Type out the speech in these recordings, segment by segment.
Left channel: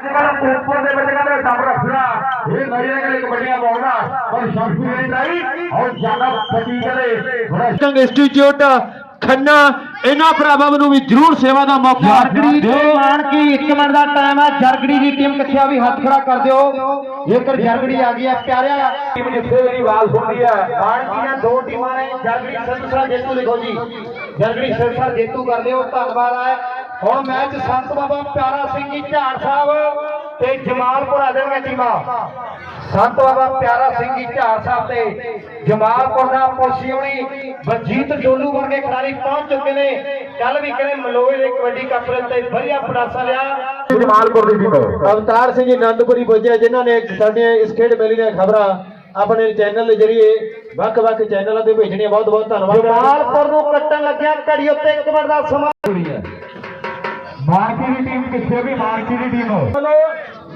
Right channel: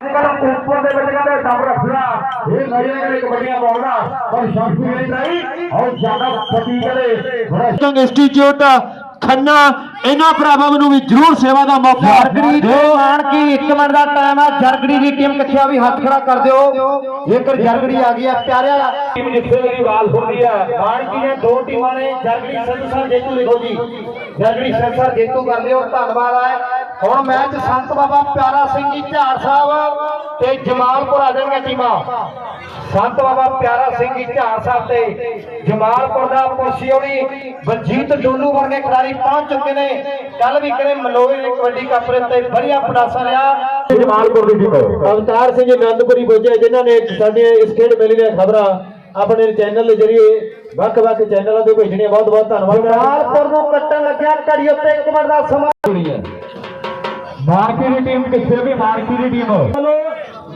ਜਿਹੜਾ ਉੱਪਰ ਦੇ ਵਿੱਚ ਕਹਿੰਦੇ ਡੱਬ ਰੱਖਿਆ ਇਹ ਨਜ਼ਰ ਕਰੇ ਕਬੱਡੀਆਂ ਪਾਉਣਾ ਪਰ ਸ਼ਾਂਤੀ ਨਹੀਂ ਨਹੀਂ। ਔਰ ਜ਼ਿਆਦਾ ਫਟੀ ਕਰੇ। ਬੜਾ ਟੰਗ ਇੰਸਟੀਚਿਊਟ ਖੰਨਾ ਇਹਨਾਂ ਭਰਾਵਾਂ ਨੂੰ ਵੀ ਜ਼ਰੂਰ ਸੇਵਾ ਦਾ ਮੌਕਾ। ਜਰਗੜੀ ਦੇ ਆਣ ਕੀ 1 ਮਿੰਟ ਦਾ ਟਾਈਮ ਹੈ ਜਰਗੜੀ ਦੀ ਟੀਮ ਕਿੱਥੇ ਆ? ਵੀ ਹੱਥ ਖੜਾ ਕਰ ਦਿਓ। ਜੇਕਰ ਜਰਗੜੀ ਆ ਗਈ ਹੈ ਪਿਆਰਿਆ ਟੀਮ ਜਿੱਥੇ ਮੇਰੀ ਆਵਾਜ਼ ਹੁੰਦੀ ਹੈ ਆਣ ਕੀ ਨੇ ਦੋ ਟੀਮਾਂ ਨੇ ਜਰਗੜੀ ਸੰਸਰ ਜੇਤੂ ਲਿਖੋ ਜੀ। ਜਰਗੜੀ ਸੰਸਰ ਜੇਤੂ ਕਰ ਲਿਓ ਧੰਨਵਾਦ ਹੈ ਹੁਣ ਮੈਚ ਸੰਤ ਬਾਬਾ ਪਿਆਰਾ ਸਿੰਘ ਜੀ ਝਾੜ ਸਾਹਿਬ ਤੇ ਜਮਾਲਪੁਰ ਆ ਜਾਣਗੇ ਟੀਮਾਂ। ਸੰਤ ਬਾਬਾ ਪਿਆਰਾ ਸਿੰਘ ਜੀ ਝਾੜ ਸਾਹਿਬ ਤੇ ਜਮਾਲਪੁਰ ਦਾ ਪੋਸ਼ੀਓਣੀ ਬਲਜੀਤ ਡੋਲੂ ਵਰਗੇ ਖਿਡਾਰੀ ਪਹੁੰਚ ਚੁੱਕੇ ਨੇ। ਕੱਲ ਵੀ ਕਿਹਨੇ ਮਲੋਏ ਦੇ ਕਬੱਡੀ ਕੱਪ ਦੇ ਉੱਤੇ ਵਧੀਆ ਪੜਾਸਾ ਲਿਆ। ਜਮਾਲਪੁਰ ਦੀ ਟੀਮ ਅਵਤਾਰ ਸਿੰਘ ਜੀ ਆਨੰਦਪੁਰੀ ਪੁੱਜੇ ਜਿਨ੍ਹਾਂ ਨੇ ਸਾਡੀਆਂ ਇਸ ਖੇਡ ਮੇਲੇ ਦੀਆਂ ਖਬਰਾਂ ਆਪਣੇ ਚੈਨਲ ਦੇ ਜ਼ਰੀਏ ਵੱਖ-ਵੱਖ ਚੈਨਲਾਂ ਤੇ ਭੇਜਣੀਆਂ। ਬਹੁਤ ਬਹੁਤ ਧੰਨਵਾਦ। ਜਮਾਲਪੁਰ ਨੂੰ ਕੱਟਣ ਲੱਗਿਆ ਘੜੀ ਉੱਤੇ ਇੱਕ ਮਿੰਟ ਦਾ ਸਮਾਂ। ਮਾਰਕੀ ਦੀ ਟੀਮ ਕਿੱਥੇ ਵੀ ਮਾਰਕੀ ਦੀ ਟੀਮ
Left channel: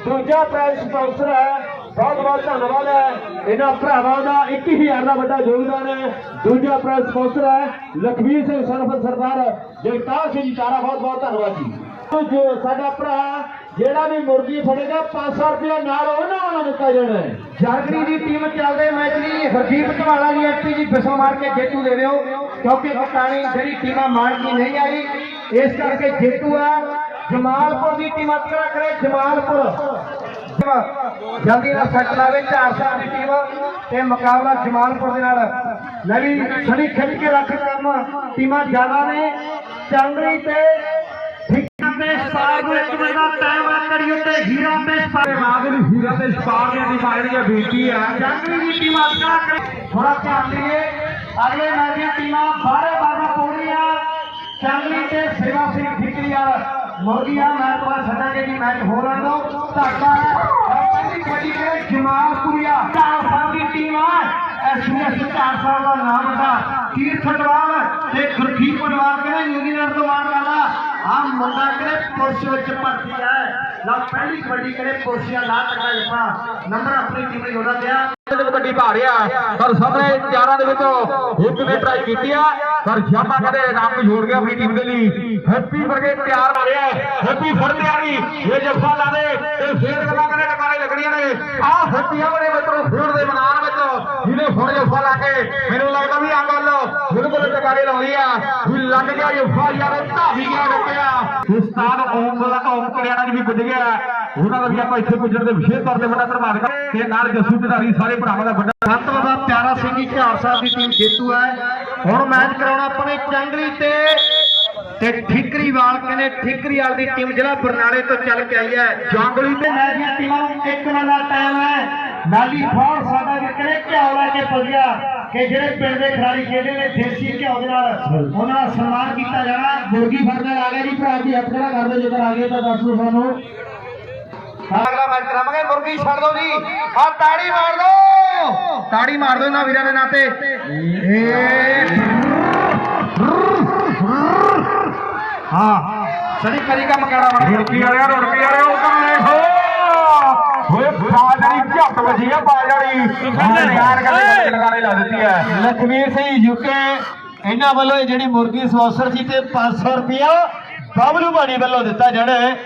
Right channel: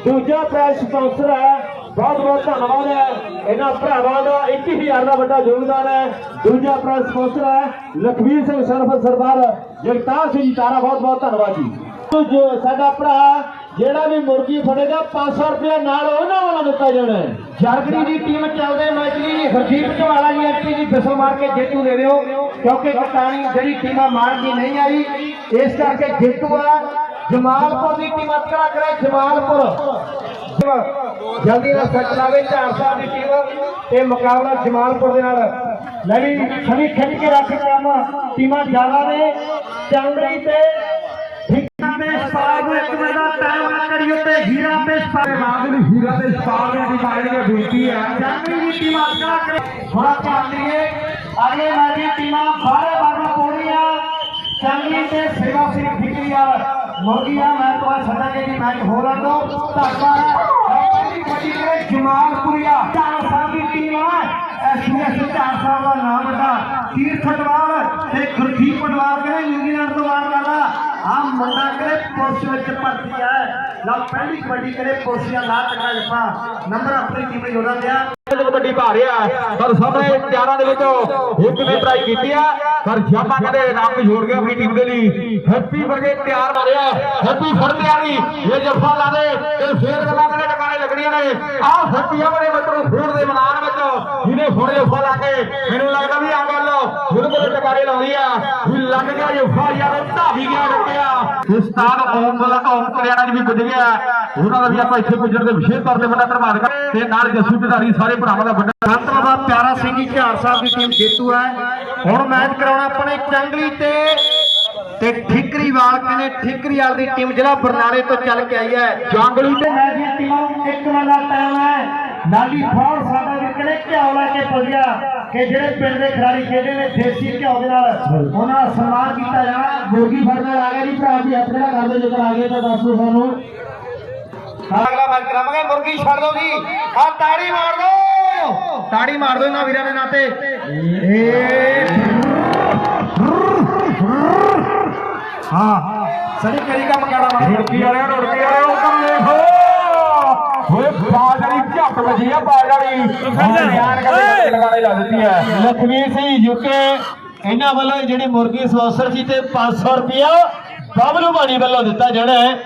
ਦੂਜਾ ਪ੍ਰਾਈਜ਼ ਸਪਾਂਸਰ ਹੈ। ਬਹੁਤ ਬਹੁਤ ਧੰਨਵਾਦ ਹੈ। ਇਹਨਾਂ ਭਰਾਵਾਂ ਦਾ 21000 ਦਾ ਵੱਡਾ ਯੋਗਦਾਨ ਹੈ। ਦੂਜਾ ਪ੍ਰਾਈਜ਼ ਸਪਾਂਸਰ ਹੈ। ਲਖਵੀਰ ਸਿੰਘ ਸਰਫ ਸਰਦਾਰ ਜਗਤਾਰ ਸਿੰਘ ਜੀ ਤਾਰਾ ਬਹੁਤ ਬਹੁਤ ਧੰਨਵਾਦ ਜੀ। ਜੋ ਸਾਡਾ ਭਰਾ ਜਿਹੜਾ ਵੀ ਮੁਰਗੀ ਫੜੇਗਾ 500 ਰੁਪਏ ਨਾਲ ਉਹਨਾਂ ਵਾਲਾ ਦਿੱਤਾ ਜਾਣਾ ਹੈ। ਜਰਗੜੀ ਦੀ ਟੀਮ ਚੱਲਦੇ ਮੈਚ ਦੀ ਹਰਜੀਤ ਢਵਾਲਾ ਜੀ ਐਕਟੀ ਦੀ ਫਿਸਲ ਮਾਰ ਕੇ ਜੇਤੂ ਦੇ ਦਿਓ ਕਿਉਂਕਿ ਕਟਾਣੀ ਜਿਹੜੀ ਟੀਮਾਂ ਮਾਰ ਦੀ ਨਹੀਂ ਆਈ ਇਸ ਕਰਕੇ ਜੇਤੂ ਹੈ ਜਮਾਲਪੁਰ ਦੀ ਟੀਮ ਅੱਤਰਾ ਕਰੇ ਜਮਾਲਪੁਰ। ਜਲਦੀ ਨਾਲ ਸੱਟ ਲਾਵੇ ਸਾਹਿਬ ਦੀ ਟੀਮ ਤੇ ਮੁਕਾਬਲਾ ਜਮਾਲਪੁਰ ਦੇ ਨਾਲ। ਲੈ ਵੀ ਛੜੀ ਖਿੱਚ ਕੇ ਰੱਖ ਕੰਮ ਟੀਮਾਂ ਜ਼ਿਆਦਾ ਨੇ ਚੰਗੜੀ ਤੇ ਠਿੱਕਾ ਦੇ ਸਪਾਰ ਨੂੰ ਇੱਕ ਮਿੰਟ ਦਾ ਟਾਈਮ ਆ ਕਰੀਏ ਤੇ ਹੀਰਾ ਤੇ ਸਪਾਰ ਆਦਿਲ ਹੀਰਾ ਤੇ ਸਪਾਰ ਦੀ ਮਾਰੀ ਦੀ ਬੇਨਤੀ ਹੈ। ਜੰਗਲੀ ਦੀ ਟੀਮ ਅੱਗਾ ਕਰੇ। ਥੋੜਾ ਧਿਆਨ ਦਈਏ ਅਗਲੇ ਮੈਚ ਦੀਆਂ ਟੀਮਾਂ ਬਾਹਰੇ ਬਾਹਰ ਪਹੁੰਚ ਰਹੀਆਂ ਜੰਗਲੀ ਤੇ ਸੇਵਾ ਸਿੰਘ ਠਿਕਰੀਆ ਮੁਰਗੀਆਂ ਮੈਂ ਤੁਹਾਨੂੰ ਛੱਡਾਂਗੇ ਕਿ ਮੈਚ ਹੋ ਰਹਾ ਦੋ ਧਾਗਾ ਪਹਿਲੀ ਕਬੱਡੀ ਦੇ ਜਮਾਲਪੁਰੀਆ ਚਾਰ ਸਾਹਿਬ ਦੀ ਟੀਮ ਹੈ ਐਸਐਸ ਚਾਰ ਸਾਹਿਬ ਦਾ ਨਾਮ ਦਾ ਤੀਰਥ ਦਵਾਰ ਤੇ ਗੁਰਖੀ ਪਰਿਵਾਰ ਦੇ ਨਿਊਜ਼ੀਲੈਂਡ ਤੋਂ ਆਉਣ ਵਾਲਾ ਆ ਮੁੰਡਾ ਕਰੇ ਪੁਰਸ਼ ਵਿੱਚ ਭਰਤੀ ਹੈ ਲਾ ਪਹਿਲੀ ਕਬੱਡੀ ਕਰੇ ਪੁਰਸ਼ੀਆਂ ਲਾ ਟਕਾ ਜੱਫਾ ਨੰਬਰ ਆਪਣੀ ਟੀਮ ਦੇ ਜੋੜਨ ਦਿਆ ਕਬੱਡੀ ਪਾ ਪਰ ਸਾਹਮਣੇ ਚਾਰਾਂ ਦੇ ਵਿੱਚੋਂ ਇੱਕ ਨੇ ਟਰਾਈ ਕੀਤੀ ਆ, ਪਰ ਸ਼ਾਮਾ ਕਹਿੰਦੇ ਰੰਗ ਛੋੜ ਗਿਆ ਆਪਣੀ ਟੀਮ ਦੇ ਲਈ। ਹੈਪੀ ਵਰਗੇ ਪਿਆਰ ਮਾਰਿਆ ਹੈਪੀ ਫੜ ਲਿਆ ਨਹੀਂ, ਇਹ ਜੱਫਾ ਲਾ ਦੇ, ਤੇ ਫੇਰ ਗੱਲਾਂ ਕਹਿੰਦੇ ਟਕਾਣੇ ਲੱਗਣੀਆਂ ਨੇ। ਆਹ ਹੈਪੀ ਆ ਮੇਰੇ ਮਿੱਤਰੋ ਫੂਡ ਦੇ ਮੈਦਾਨ ਵਿੱਚ ਜਿਹਨੇ ਫੜ ਜੱਫਾ ਲਾ ਕੇ ਮੈਨੂੰ ਲੱਗਦਾ ਵੀ ਆ ਗੱਲ ਬਿਲਕੁਲ ਟਕਾਰੇ ਲਾਉਂਦੀ ਆ, ਵੀ ਲੱਗ ਗਿਆ ਜੱਫਾ ਯਾਰ ਧਾਵੀ ਗਿਆ ਰੁਕਿਆ ਇਸ ਓਮ ਦਾ ਓਮ ਕਰਿਆਣਾ ਜੀ ਵੀ ਪੁੱਜ ਗਿਆ। ਉਹਨਾਂ ਦਾ ਵੀ ਆਪਾਂ ਇੱਥੇ ਪੁੱਜਣ ਦੇ ਵਿਸ਼ੇਸ਼ ਤੌਰ ਤੇ ਵੱਡਾ ਧੰਨਵਾਦ ਕਰ ਤੇ ਨਾਲ ਜੱਸੂ ਢਿਡਾਰੀ ਸਾਰੇ ਭਰਾਵਾਂ ਦਾ ਵੱਡਾ ਸੰਤ ਬਾਬਾ ਪਿਆਰਾ ਸਿੰਘ ਜੀ ਝਾੜ ਸਾਹਿਬ ਦੀ ਟੀਮ ਜੇਤੂ ਹੈ ਹੁਣ ਮੈਚ ਕਰਾਉਣਾ ਆਪਣੇ ਚੰਗਲੀ ਤੇ। ਤੇ ਠਿਕਰੀਵਾਲ ਕਹਿੰਦੇ ਠਿਕਰੀਵਾਲ ਦੀ ਟੀਮ ਜਿਹੜਾ ਬਰਨਾਲੇ ਤੋਂ ਚੱਲ ਕੇ ਆਈ ਹੈ। ਜੰਗਲੀ ਤੇ ਮੈਚ ਦੀਆਂ ਟੀਮਾਂ ਨੂੰ ਇੱਕ ਮਿੰਟ ਦਾ ਟਾਈਮ ਹੈ। ਨਾਲੀ ਫੌਰ ਸਾਡਾ ਵੀ ਕਹਿੰਦੇ ਘਿਓ ਲੈ ਕੇ ਪੁੱਜਿਆ ਕਿ ਜਿਹੜੇ ਪਿੰਡ ਦੇ ਖਿਡਾਰੀ ਖੇਡੇ ਨੇ ਦੇਸੀ ਘਿਓ ਦੇ ਨਾਲ ਉਹਨਾਂ ਦਾ ਸਨਮਾਨ ਕੀਤਾ ਜਾਣਾ। ਮੁਰਗੀ ਫੜਨ ਵਾਲਾ ਆ ਗਿਆ ਜੀ ਭਰਾ ਜੀ ਹੱਥ ਖੜਾ ਕਰ ਦਿਓ ਜੇਕਰ ਆ ਗਏ ਤਾਂ ਦੱਸ ਦਿਓ ਸਾਨੂੰ। ਅਗਲਾ ਮੈਚ ਕਰਾਵਾਂਗੇ ਮੁਰਗੀ ਛੱਡ ਦਿਓ ਜੀ। ਆ ਤਾੜੀ ਮਾਰ ਦਿਓ ਤਾੜੀ ਮਾਰ ਦਿਓ ਨਾ ਵੀਰਾਂ ਦੇ ਨਾਤੇ ਹਾਂ। ਸੜੀ ਕਰੀ ਕੰਮ ਕਰਾ ਰੁੜਕੀ ਵਾਲਿਆ ਰੁੜਕੀ ਵਾਲਿਆ ਉਹ ਕੰਨੇ ਹੋ ਹੋਏ ਵਾਲੀ ਲਗਾਣੇ ਲਾ ਦਿੱਤੀ ਹੈ। ਲਖਵੀਰ ਸਿੰਘ ਯੂਕੇ ਇਹਨਾਂ ਵੱਲੋਂ ਜਿਹੜੀ ਮੁਰਗੀ ਸਪਾਂਸਰ ਸੀ ਤੇ 500 ਰੁਪਇਆ ਬਬਲੂ ਬਾਣੀ ਵੱਲੋਂ ਦਿੱਤਾ ਜਾਣਾ ਹੈ।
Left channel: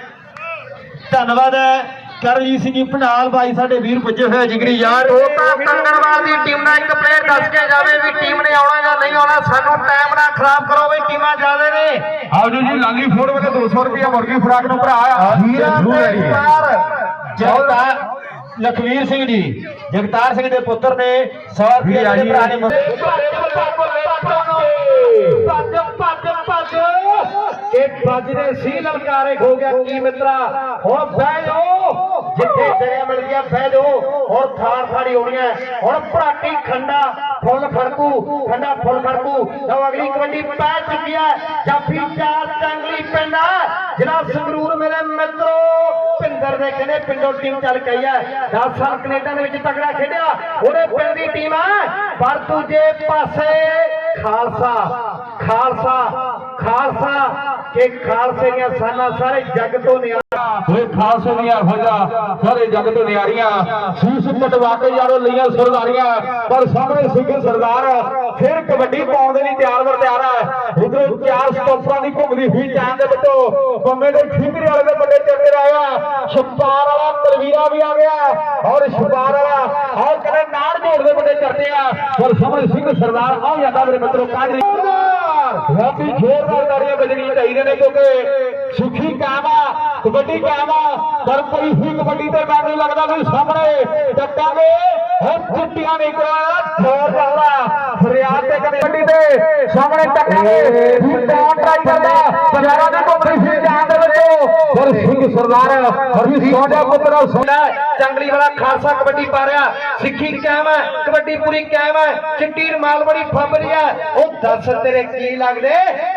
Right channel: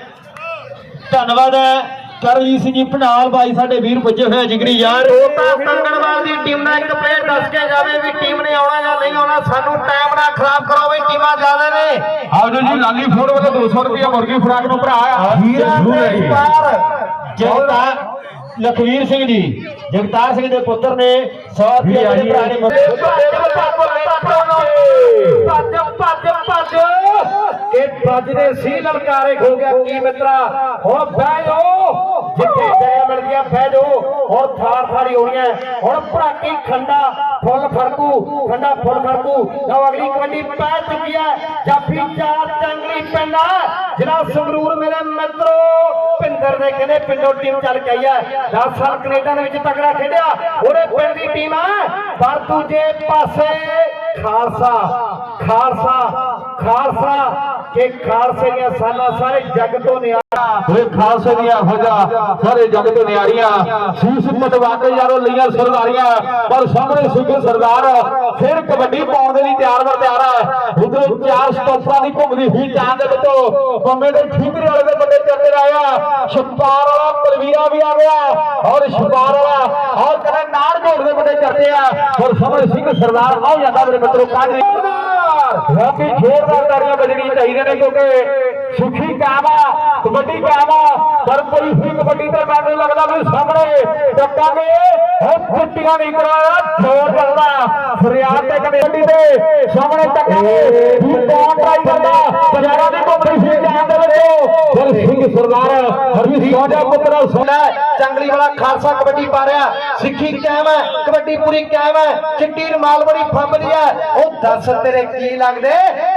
ਧੰਨਵਾਦ ਹੈ। ਕਰਜੀਤ ਸਿੰਘ ਜੀ ਭਨਾਲ ਬਾਈ ਸਾਡੇ ਵੀਰ ਪੁੱਜੇ ਹੋਏ ਜਿਗਰੀ ਯਾਰ। ਉਹ ਤਾਂ ਕੰਗਣਵਾਲ ਦੀ ਟੀਮ ਦਾ ਇੱਕ ਪਲੇਅਰ ਦੱਸ ਕੇ ਜਾਵੇ ਵੀ ਟੀਮ ਨੇ ਆਉਣਾ ਜਾਂ ਨਹੀਂ ਆਉਣਾ। ਸਾਨੂੰ ਟਾਈਮ ਨਾ ਖਰਾਬ ਕਰੋ ਵੀ ਟੀਮਾਂ ਜਾਵੇ ਨੇ। ਆਓ ਜੀ ਜੀ ਲਾਲੀ ਫੋੜ ਵਾਲੇ 200 ਰੁਪਏ ਮੁਰਗੀ ਫਰਾਕ ਨੂੰ ਭਰਾ ਹੀਰਾ ਤੇ ਪਾਰ ਜਗਤਾਰ ਲਖਵੀਰ ਸਿੰਘ ਜੀ ਜਗਤਾਰ ਸਿੰਘ ਦੇ ਪੁੱਤਰ ਨੇ 100 ਰੁਪਏ ਦੇ ਭਰਾ ਨੇ ਇਹ ਵੱਜਦੇ ਸੀ ਲਲਕਾਰੇ ਖੋ ਗਿਆ ਕੀ ਮਿੱਤਰਾ। ਹੁਣ ਬਹਿ ਜਾਓ। ਜਿੱਥੇ ਜਗ੍ਹਾ ਮਿਲ ਗਿਆ ਬਹਿ ਜਾਓ। ਹੁਣ ਥਾਰ ਥਾਰੀ ਹੋਣੀ ਹੈ। ਹੁਣ ਭਰਾਟੀ ਖੰਡਾ ਫੁੱਲ ਖੜਕੂ ਖੰਡਾ ਫੁੱਲ ਲਓ ਅਗਲੀ ਕਬੱਡੀ ਪੈ ਚੁੱਕੀ ਹੈ। ਜਾਫੀ ਚਾਰ ਚੰਗਲੀ ਪਿੰਡ ਜਿਹੜਾ ਸੰਗਰੂਰ ਮੇਰੇ ਮਿੱਤਰੋ ਦੇ ਕਹਿੰਦੇ ਪਿੰਡੋਂ ਟੀਮ ਚੱਲ ਗਈ ਹੈ 10 ਸਾਲ ਕੈਨੇਡਾ ਦੇ ਵਿੱਚ ਤਗੜਾ ਖੇਡਿਆ। ਉਹਦੇ ਪਿੰਡ ਦੀ ਟੀਮ ਆ। ਪਰ ਦੂਜੇ ਪਾਸੇ ਖਾਲਸਾ ਖਾਲਸਾ ਖਾਲਸਾ, ਕਿ ਖਾਲਸੇ ਦੀਆਂ ਸਾਨਾ ਸਾਰੇ ਜੱਗ ਤੋਂ ਨਿਆਰਾ ਓਏ ਖਾਲਸੇ ਦੀਆਂ ਫੌਜਾਂ ਸਾਰੇ ਜੱਗ ਤੇ ਨਿਆਰੀਆਂ ਸੀਸ ਕਟਵਾ ਕੇ ਯਾਰੋ ਲਈਆਂ ਸਰਦਾਰੀਆਂ, ਪਰ ਸਾਹਮਣੇ ਸਿੰਘ ਸਰਦਾਰ, ਫਿਰ ਕਬੱਡੀ ਪਾਉਣ ਦੇ ਲਈ ਤਿਆਰ ਵਰ ਤਿਆਰ ਹੈ। ਇਧਰੋਂ ਚਾਰ ਸਟੋਪਾਂ ਦੀ ਘੁੰਮਦੀ ਹੋਈ ਜਾਨ ਦੇ ਵਿੱਚੋਂ ਬੰਮੇ ਦੇ ਠੀਕਰੇ ਵਾਲੇ ਦੇ ਵੱਡੇ ਚੱਕਰ ਆਇਆ। ਛਪਾਰ ਵਾਲਾ ਤਲਵੀਰਾ ਵੀ ਆ ਗਿਆ ਔਰ ਛਪਾਰ ਵਾਲਾ ਔਰ ਕਦੇ ਨਾੜ ਜੋੜ ਦੇ ਵੱਡੇ ਚੱਟੇ ਆ। ਪਰ ਸਾਹਮਣੇ ਸਿੰਘ ਸਰਦਾਰ ਆ ਜਾਂਦਾ ਮੇਰੇ ਮਿੱਤਰੋ ਕਾਜੀ ਰਾਤੀ ਖੇਡਦਾਰ ਤਾੜੀਆਂ ਵੱਜਣੀਆਂ ਚਾਹੀਦੀਆਂ ਨੇ ਕਿਉਂਕਿ ਸੁਖੀ ਕਾਮਾ ਕਬੱਡੀ ਕਾਮਾ ਪਰ ਕੋਈ ਹੋਈ ਕਬੱਡੀ ਤੇ ਮੈਨੂੰ ਲੱਗਦਾ ਵੀ ਸਾਹਮਣੇ। ਟੱਪਾਂਗੇ ਹੁਣ ਚਿੱਟੀਆਂ ਨਹੀਂ ਕਰਾਇਆ ਠੋਰ ਕਰਦਾ ਫਰਿਆਦ ਤੇ ਕਬੱਡੀ ਤੇ ਸਾਹਮਣੇ ਟੱਕਾਂਗੇ ਵੀ ਟਾਉਨ ਟਰਾਈ ਕਰਦਾ? ਪੰਜਾਰਾਂ ਦੀ ਘੁੰਮਦੀ ਸੀ ਜਾਨ ਦੇ ਵਿੱਚੋਂ। ਫਿਰ ਸਿੰਘ ਸਰਦਾਰ ਹਰਵੀ ਸੋਹਣਾ ਪੁੱਤਰਾ ਸੋਨਾ ਚੰਗਲੀ ਵਾਲਾ ਖਾਲਸਾ ਕਬੱਡੀ ਪਾ ਰਿਹਾ। ਸਿੱਖੀ ਕਾਇਮ ਹੈ, ਕਬੱਡੀ ਪੂਰੀ ਕਾਇਮ ਹੈ। ਚਿੱਟੀ ਰਮਾਲ ਬੜੀ ਫੰਬਦੀ ਹੈ। ਉਹ ਦੱਸ ਤੇਰੇ ਕੀ ਲੱਗਦੇ?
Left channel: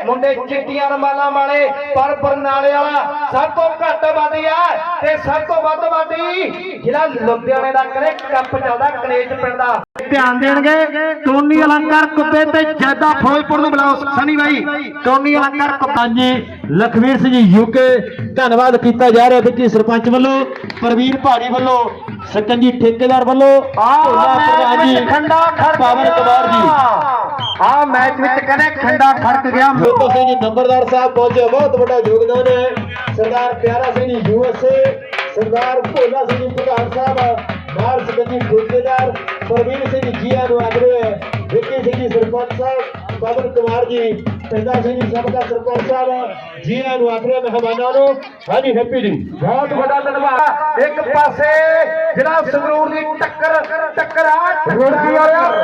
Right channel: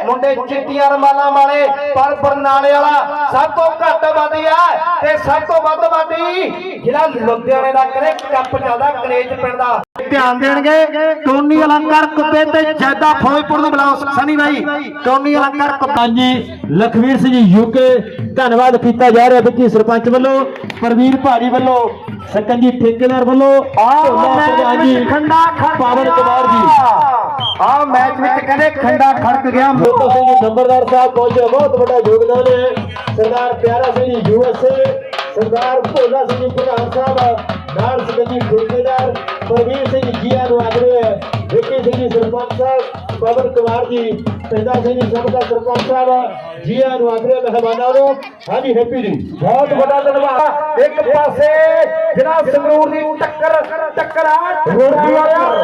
ਮੁੰਡੇ ਚਿੱਟੀਆਂ ਰਮਾਲਾਂ ਵਾਲੇ, ਪਰ ਬਰਨਾਲੇ ਵਾਲਾ ਸਭ ਤੋਂ ਘੱਟ ਵਾਦੀ ਹੈ। ਤੇ ਸਭ ਤੋਂ ਵੱਧ ਵਾਦੀ ਜਿਹੜਾ ਲੁਧਿਆਣੇ ਦਾ ਕਰੇ ਕੱਪ ਚੱਲਦਾ ਕਲੇਜ ਪਿੰਡ ਦਾ। ਧਿਆਨ ਦੇਣਗੇ ਟੋਨੀ ਅਲੰਕਾਰ ਕੁੱਤੇ ਤੇ ਜੈਦਾ ਫੌਜਪੁਰ ਨੂੰ ਬੁਲਾਓ ਸਨੀ ਭਾਈ ਟੋਨੀ ਅਲੰਕਾਰ ਕੁੱਤਾ। ਹਾਂਜੀ ਲਖਵੀਰ ਸਿੰਘ ਜੀ ਯੂਕੇ ਧੰਨਵਾਦ ਕੀਤਾ ਜਾ ਰਿਹਾ ਵਿੱਕੀ ਸਰਪੰਚ ਵੱਲੋਂ ਪ੍ਰਵੀਰ ਭਾਜੀ ਵੱਲੋਂ ਸਕੰਜੀ ਠੇਕੇਦਾਰ ਵੱਲੋਂ ਆਹ ਪ੍ਰਧਾਨ ਜੀ ਖੰਡਾ ਖੜਕ ਪਾਵਨ ਕੁਮਾਰ ਜੀ। ਆ ਮੈਚ ਵਿੱਚ ਕਹਿੰਦੇ ਖੰਡਾ ਖੜਕ ਗਿਆ। ਨੰਬਰਦਾਰ ਸਾਹਿਬ ਪਹੁੰਚੇ ਬਹੁਤ ਵੱਡਾ ਯੋਗਦਾਨ ਹੈ। ਸਰਦਾਰ ਪਿਆਰਾ ਸਿੰਘ ਜੀ ਯੂਐਸਏ ਸਰਦਾਰ ਭੋਲਾ ਸਿੰਘ ਜੀ ਪ੍ਰਧਾਨ ਸਾਹਿਬ ਨਾਲ ਸਕੰਜੀ ਠੇਕੇਦਾਰ ਪ੍ਰਵੀਰ ਸਿੰਘ ਜੀਆ ਨੂੰ ਆਗਰੇ ਵਿੱਕੀ ਸਿੰਘ ਜੀ ਸਰਪੰਚ ਸਾਹਿਬ ਪਵਨ ਕੁਮਾਰ ਜੀ ਪੈਦਾ ਸਿੰਘ ਜੀ ਸਭ ਦਾ ਸਰਪੰਚ ਸਾਹਿਬ ਜੀਆ ਨੂੰ ਆਗਰੇ ਮਹਿਮਾਨਾਂ ਨੂੰ ਹਾਂਜੀ ਹੈਪੀ ਜੀ। ਬਹੁਤ ਵੱਡਾ ਧੰਨਵਾਦ। ਇੱਕ ਪਾਸੇ ਜਿਹੜਾ ਸੰਗਰੂਰ ਦੀ ਟੱਕਰ ਟੱਕਰਾ ਆ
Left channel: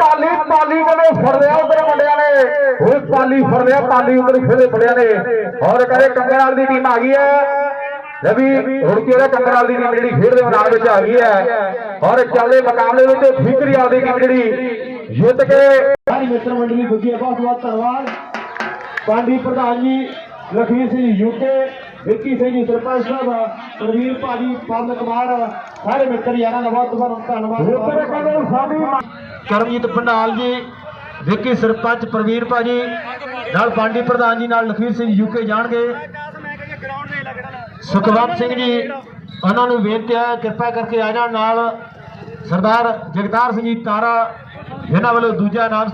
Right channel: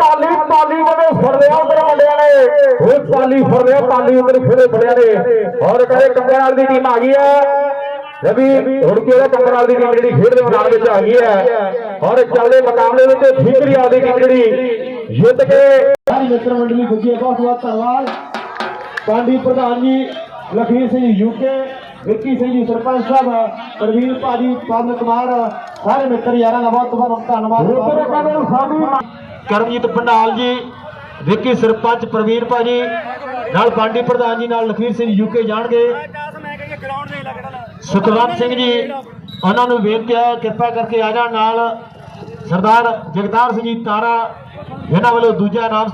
ਪਾਲੀ ਪਾਲੀ ਕਦੇ ਫੜਦੇ ਆ ਉਧਰ ਮੁੰਡਿਆਂ ਨੇ। ਉਹ ਪਾਲੀ ਫੜਦੇ ਆ ਪਾਲੀ ਉਧਰ ਫਿਰੇ ਫੜਿਆ ਨੇ। ਔਰ ਕਹਿੰਦੇ ਕੰਗਰਾਲ ਦੀ ਟੀਮ ਆ ਗਈ ਹੈ। ਰਵੀ ਰੁੜਕੀ ਦਾ ਕੰਗਰਾਲ ਦੀ ਟੀਮ ਜਿਹੜੀ ਖੇਡ ਦੇ ਮੈਦਾਨ ਵਿੱਚ ਆ ਗਈ ਹੈ ਔਰ ਚੱਲਦੇ ਮੁਕਾਬਲੇ ਵਿੱਚ ਫਿਕਰੀ ਦੀ ਟੀਮ ਜਿਹੜੀ ਜਿੱਤ ਕੇ ਸਾਰੀ ਮਿੱਤਰ ਮੰਡਲੀ ਪੁੱਜੀ ਬਹੁਤ ਬਹੁਤ ਧੰਨਵਾਦ। ਪਾਂਡੀ ਪ੍ਰਧਾਨ ਜੀ ਲਖਵੀਰ ਸਿੰਘ ਯੂਕੇ ਵਿੱਕੀ ਸਿੰਘ ਜੀ ਸਰਪੰਚ ਸਾਹਿਬ ਪ੍ਰਵੀਰ ਭਾਜੀ ਪਵਨ ਕੁਮਾਰ ਸਾਰੇ ਮਿੱਤਰ ਯਾਰਾਂ ਦਾ ਬਹੁਤ ਬਹੁਤ ਧੰਨਵਾਦ। ਕਰਮਜੀਤ ਪੰਡਾਲ ਜੀ ਵਿੱਕੀ ਸਰਪੰਚ ਪ੍ਰਵੀਰ ਭਾਜੀ ਨਾਲ ਬਾਂਡੀ ਪ੍ਰਧਾਨ ਜੀ ਨਾਲ ਲਖਵੀਰ ਸਿੰਘ ਯੂਕੇ ਜਾਣਗੇ। ਸੁਖਵੰਤ ਸਿੰਘ ਜੀ ਉਹਨਾਂ ਨੂੰ ਵੇਖ ਕੇ ਕਿਰਪਾ ਕਰਕੇ ਆ ਜਾਣ ਨਾਲ। ਸਰਦਾਰ ਜਗਤਾਰ ਸਿੰਘ ਜੀ ਤਾਰਾ ਇਹਨਾਂ ਵੱਲੋਂ ਦੂਜਾ ਨਾਮ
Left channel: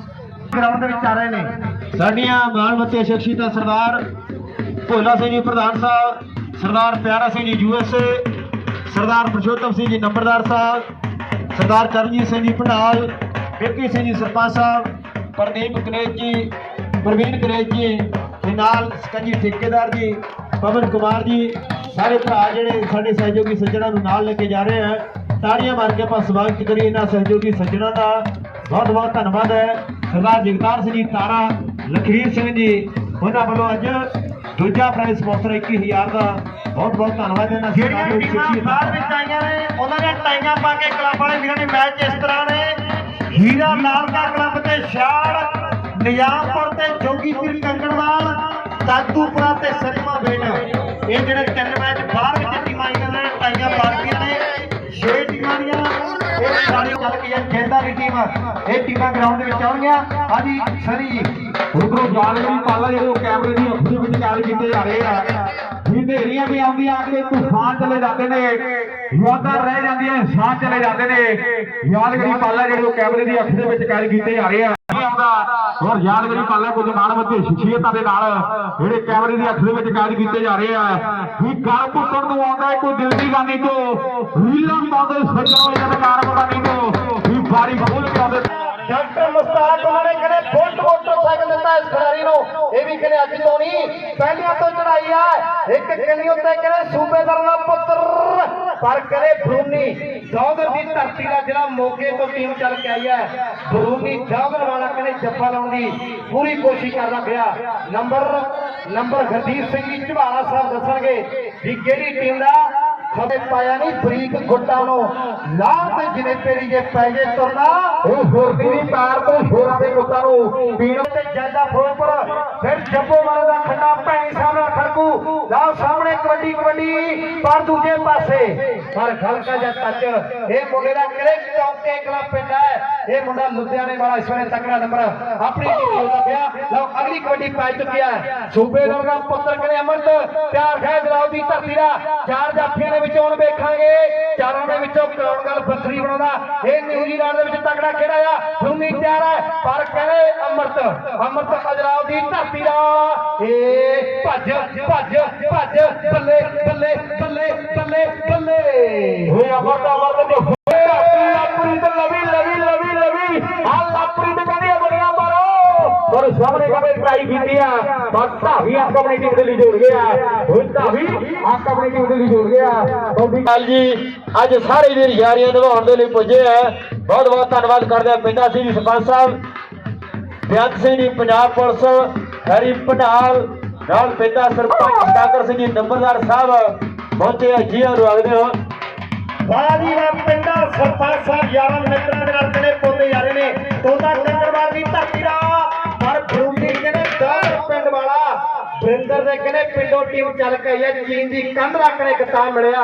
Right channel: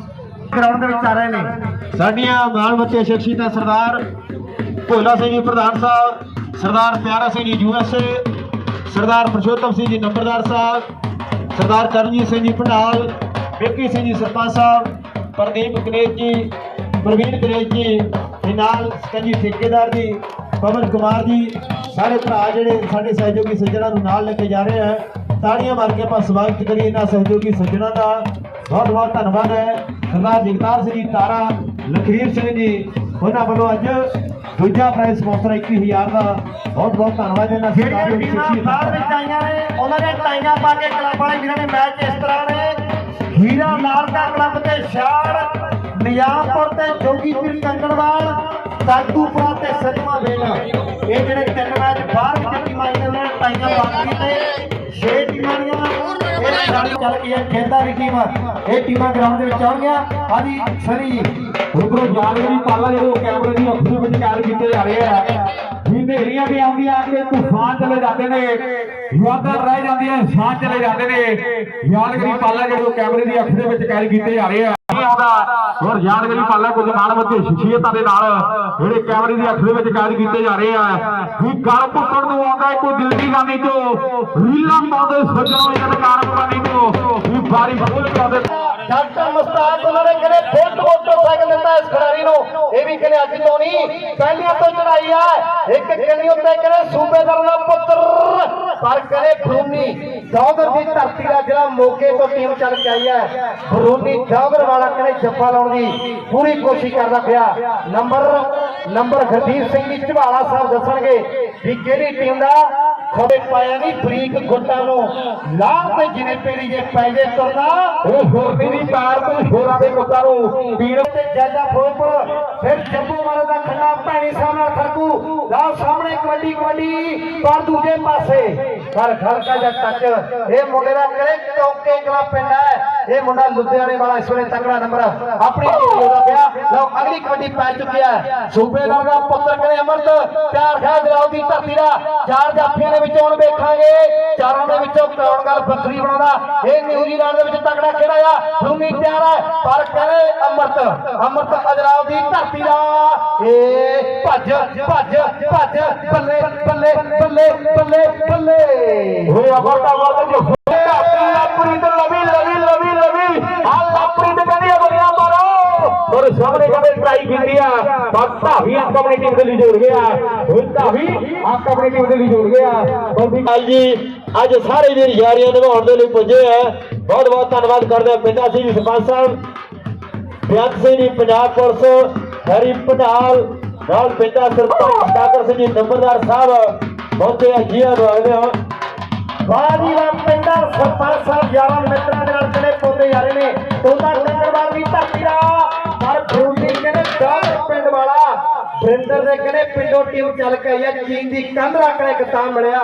ਗਰਾਊਂਡ ਦੇ ਵਿੱਚ ਆ ਰਹੇ ਨੇ। ਸਾਡੀਆਂ ਮਾਲਮੱਤੇ ਸ਼ਖਸੀਅਤਾਂ ਸਰਦਾਰ ਭੋਲਾ ਸਿੰਘ ਜੀ ਪ੍ਰਧਾਨ ਸਾਹਿਬ ਸਰਦਾਰ ਪਿਆਰਾ ਸਿੰਘ ਜੀ ਯੂਐਸਏ ਸਰਦਾਰ ਪ੍ਰਸ਼ੋਤਮ ਸਿੰਘ ਜੀ ਨੰਬਰਦਾਰ ਸਾਹਿਬ ਸਰਦਾਰ ਕਰਨਜੀਤ ਸਿੰਘ ਜੀ ਭੰਡਾਲ ਵਿੱਕੀ ਸਿੰਘ ਜੀ ਸਰਪੰਚ ਸਾਹਿਬ ਪ੍ਰਦੀਪ ਕਨੇਜ ਜੀ ਪ੍ਰਵੀਨ ਕਨੇਜ ਜੀ ਤੇ ਨਾਲ ਸਕੰਜੀ ਠੇਕੇਦਾਰ ਜੀ ਪਵਨ ਕੁਮਾਰ ਜੀ ਸਾਰੇ ਭਰਾ ਜਿਹੜੇ ਸਾਡੇ ਸਹਿਯੋਗੀ ਸੱਜਣਾ ਨੂੰ ਨਾਲ ਲੈ ਕੇ ਜਾ ਰਹੇ ਹੈ ਤਾੜੀਆਂ ਮਾਰ ਕੇ ਆਪਾਂ ਸਵਾਗਤ ਕਰੀਏ ਇਹਨਾਂ ਸਹਿਯੋਗੀ ਸੱਜਣਾ ਦਾ। ਬਹੁਤ ਬਹੁਤ ਧੰਨਵਾਦ ਹੈ। ਸਰਦਾਰ ਜਗਤਾਰ ਸਿੰਘ ਜੀ ਤਾਰਾ ਲਖੀਰ ਸਿੰਘ ਜੀ ਉਹਨਾਂ ਵੱਲੋਂ ਅੱਜ ਦੂਜਾ ਪ੍ਰਾਈਜ਼ ਸਪਾਂਸਰ 21000 ਦਾ। ਬਹੁਤ ਬਹੁਤ ਧੰਨਵਾਦ ਇਹਨਾਂ ਸ਼ਖਸੀਅਤ ਬਾਹਰ ਵਿੱਚ ਆਈਆਂ ਨੇ ਉਹਨਾਂ ਨੇ ਟਾਈਆਂ ਪਾ ਕੇ ਕਲੱਬ ਵਾਲੇ ਵੀਰਾਂ ਨੇ ਮੈਚ ਇਸ ਤਰ੍ਹਾਂ ਨੇ। ਹੀਰਾ ਲਾਲ ਦਾ ਕਲੱਬ ਤੇ ਛਾੜ ਨਿਜ਼ਾਮਪੁਰ ਤੇ ਜੋਗੀਪੁਰ ਕੰਗਣਵਾਲ ਸਾਗੂਪੁਰਾ ਤੇ ਸਤਮਾ ਵੇਣਾ। ਇਹ ਜਿਹੜੇ ਤਿੰਨ ਮੈਚ ਬਾਹਰ ਵਿੱਚ ਟੀਮਾਂ ਆਈਆਂ ਨੇ ਟਾਈਆਂ ਪਾ ਕੇ ਛੇ ਟੀਮਾਂ ਦੀਆਂ। ਇਹ ਸਾਡੀ ਚੱਲ ਗਈ ਹੈ ਖੇਡਾਂ ਦੀ ਟੀਮ ਇਹ ਟੀਮਾਂ ਗਰਾਊਂਡ ਦੇ ਵਿੱਚ ਆਉਣਗੀਆਂ। ਹਾਂਜੀ, ਸਰੀ। ਜੀ ਉਧਰੋਂ ਜਾਲਗਰੀ ਪਾਲਾ ਜਿਹੜੇ ਕੈਮਰੇ ਦੀ ਅੱਖ ਦੇ ਵਿੱਚ ਕਾਲ ਕੀਤੇ ਜਾ ਰਹੇ ਆ। ਵੀ ਹਨੇਰੀਆਂ ਵੀ ਆਉਂਦੀਆਂ ਆ ਕੇ ਤੂਫਾਨ ਚਲੇ ਜਾਂਦੇ ਨੇ। ਯਾਦਾਂ ਰਹਿ ਜਾਂਦੀਆਂ ਸਾਹ ਚਲੇ ਜਾਂਦੇ ਨੇ। ਯਾਦਗਰੀ ਪਾਲਾ ਜਿਹੜੇ ਕੈਮਰੇ ਦੀ ਅੱਖ ਦੇ ਵਿੱਚ ਕਾਲ ਕੀਤੇ ਜਾ ਰਹੇ ਆ। ਔਰ ਯਾਦਗਰੀ ਪਾਲਾ ਕੁਝ ਮਾਨਵਤੀ ਸ਼ਖਸੀਅਤਾਂ ਦੇ ਨਾਲ। ਜਿਹੜੇ ਕੈਮਰੇ ਦੀ ਅੱਖ ਦੇ ਵਿੱਚ ਕਾਲ ਕੀਤੇ ਜਾ ਰਹੇ ਆ। ਵੀ ਗਲ ਪੁੱਟਣ ਨੂੰ ਆਉਂਦਾ ਕੋਈ ਦਿਲ ਦੀ ਗਾਨੀ ਤੋਂ। ਰੀਲਾਂ ਪਾਉਂਦੇ ਸੱਜਣੋਂ ਯਾਦਗਾਰ ਪਾਣੀ ਤੋਂ। ਵੀ ਬਾਰੀ ਖੋਲ ਕੇ ਆਉਂਦੇ। ਡਾਕਟਰ ਮੁਸਤਾਕ ਉਹਨਾਂ ਨੇ ਕਹਿੰਦੇ ਫੁੱਟ ਮੋਟਰਸਾਈਕਲ ਦਿੱਤਾ ਇਸ ਖਿਡਾਰੀ ਨੂੰ। ਇਹ ਵੀ ਕਹਿੰਦੇ ਅੱਜ ਤੋਂ ਨਹੀਂ, ਪਹਿਲੀਆਂ ਤੋਂ ਚੜਾਈ ਆ। ਇੱਕ ਕੰਨੀ ਉੱਤੇ ਕਹਿੰਦੇ ਸੂਬੇਦਾਰ ਦਾ ਪੁੱਤਰ, ਪਰ ਕਹਿੰਦੇ ਬਰੂਨੀ ਦੌਗਰ ਦੀ ਧਰਤੀ ਦਾ ਜਿਹੜਾ ਮੋਗੇ ਤੋਂ ਟੀਮ ਚੱਲ ਕੇ ਆਈ ਹੈ ਬਰੂਨੀ ਦੌਗਰ ਵਾਲਾ ਕਹਿੰਦੇ ਜੱਫਾ ਲਾਉਣ ਦੀ ਪੂਰੀ ਕੋਸ਼ਿਸ਼ ਕਰਦਾ ਪਿਆ। ਨੰਬਰ ਨੰਬਰ ਹਰਦੀਪ ਸਿੰਘ ਜੀ ਝਵਾਲਾ ਸਾਹਿਬ ਦੱਸਣਗੇ ਵੀ ਕਿਹੜੀ ਟੀਮ ਦਾ ਖੜੇ ਪਾਇਆ ਨਹੀਂ ਬਰੀਕ ਗੁੱਟਾਂ ਨੂੰ ਲਾਹ ਤੇ ਜਿਵੇਂ ਪੇੜੀ ਜੇ ਪੈ ਜੇ ਤੁਰਨਾ। ਉਹ ਫੁਰਤੀ ਦੀ ਤਾਰ ਤੋਂ ਹੋਰਾਂ ਦੇ ਮੁੱਕਾਂ ਨੂੰ ਪੀਣ ਤੇ ਜੈਦਾ ਫੋਰਪੁਰ ਫਿਰ ਜੱਬੋ ਵਾਲੇ ਦਾ ਖੰਡਾ ਭੈਣੀ ਸਾਹਮਣੇ ਖੜਕੂ ਲਾਓ ਸਾਹਮਣੇ ਕਬੱਡੀ ਕਬੱਡੀ, ਪਰ ਦੂਜੇ ਪਾਸੇ। ਪਰ ਹਲਕਾ ਜਿਹਾ ਟੱਚ, ਇਹ ਮੁੰਡੇ ਦਾ ਕਿਹੜੇ ਚੌਕੇ ਕਲਾ ਪਿੰਡ ਹੈ। ਇਹ ਮੁੰਡਾ ਲੁਧਿਆਣੇ ਵਾਲਾ, ਇਸ ਵੇਲੇ ਤਕੜਾ ਨੰਬਰ ਆਪਣੀ ਟੀਮ ਦਾ ਪਿਆ ਲਓ, ਅਗਲੀ ਕਬੱਡੀ ਪੈ ਚੁੱਕਿਆ ਹੈ। ਸੂਬੇਦਾਰ ਦਾ ਪੁੱਤਰ ਕਹਿੰਦੇ ਅਮਰਤ ਪਿਆਰ ਖੈ ਜਲਾਉ ਦੀ ਧਰਤੀ ਦਾ। ਚਾਰ ਜਾਫੀਆਂ ਦੇ ਵਿੱਚੋਂ ਹੁਣ ਵੇਖਾਂਗੇ। ਚਾਰਾਂ ਦੇ ਵਿੱਚੋਂ ਕੌਣ ਗੱਲ ਬੱਸਰੀ ਬਣਾਉਂਦਾ। ਇਹ ਨਿਊਜ਼ੀਲੈਂਡ ਦੇ ਵਿੱਚ ਤਕੜਾ ਖੇੜਾ ਆ ਭੂਮੀ ਤਿਆਰ ਹੈ। ਪਰ ਕਹਿੰਦੇ ਅਮਰਤ ਅਮਰਤ ਅਜਰਾਉ ਦੀ ਧਰਤੀ ਦਾ। ਇਹ ਭੱਜ ਭੱਜ ਭੱਜ ਬੱਲੇ ਬੱਲੇ ਬੱਲੇ ਬੱਲੇ ਬੱਲੇ ਹੋਏ ਅਮਰਤਾ ਵਰਤ ਜੋ ਔਰ ਸਾਹਮਣੇ ਕਹਿੰਦੇ ਟਰਾਈ ਕੀਤੀ ਆ। ਪਰ ਧਾਵੀ ਆ ਆਪਣੀ ਟੀਮ ਦੇ ਲਈ ਜੁੜ ਗਿਆ। ਹੋਏ ਧਾਵੀ ਆ ਆਪਣੀ ਟੀਮ ਦੇ ਲਈ ਜੁੜ ਗਿਆ। ਜੀ ਅੱਜ ਸਾਰੇ ਵੀਰ ਯਾਰੀਆਂ ਨਿਭਾਉਣ ਦੇ ਲਈ ਪੁੱਜੇ ਆ। ਬਹੁਤ ਬਹੁਤ ਧੰਨਵਾਦ ਕਰਦੇ ਆ ਪਿੰਡਾ ਸਿੰਘ ਜੀ ਸਰਪੰਚ ਸਾਹਿਬ ਬੇਅੰਤ ਸਿੰਘ ਜੀ ਪੰਜਾਬ ਪੁਲਿਸ ਹਰੀ ਪਟਾਲ ਨਾਲ ਪਿੰਡਾ ਸਰਪੰਚ ਡਾਕਟਰ ਸਿੰਘ ਜੀ ਨੰਬਰਦਾਰ ਸਾਹਿਬ ਪਹੁੰਚੇ ਆ ਜੀ ਰਵਾਗਦੇ ਹੋ ਬਾਜੀ ਦਾ ਪਿੰਡਾ ਸਰਪੰਚ ਸਾਹਿਬ ਯਾਰਾਂ ਮਿੱਤਰਾਂ ਦੇ ਨਾਲ ਜਿਹੜੇ ਪੌਦੇ ਯਾਰੇ ਨੇ ਤੋਤਾ ਟੰਗਰਵਾਲ ਦੀ ਧਰਤੀ ਦਾ। ਪਰ ਬਰੂਦੀ ਕਹਿੰਦੇ ਦਾਰ ਪਿੰਡ ਵਾਲਾ ਬ੍ਰਿੰਦਰ ਦੇ ਕਹਿੰਦੇ ਪਿੰਡੋਂ ਟੀਮ ਚੱਲ ਕੇ ਆਈ ਹੈ ਚੀਨ ਦੀ ਕੰਧ ਰੱਖਣੇ ਕਿਤਾਬ ਮਿਲਿਆ।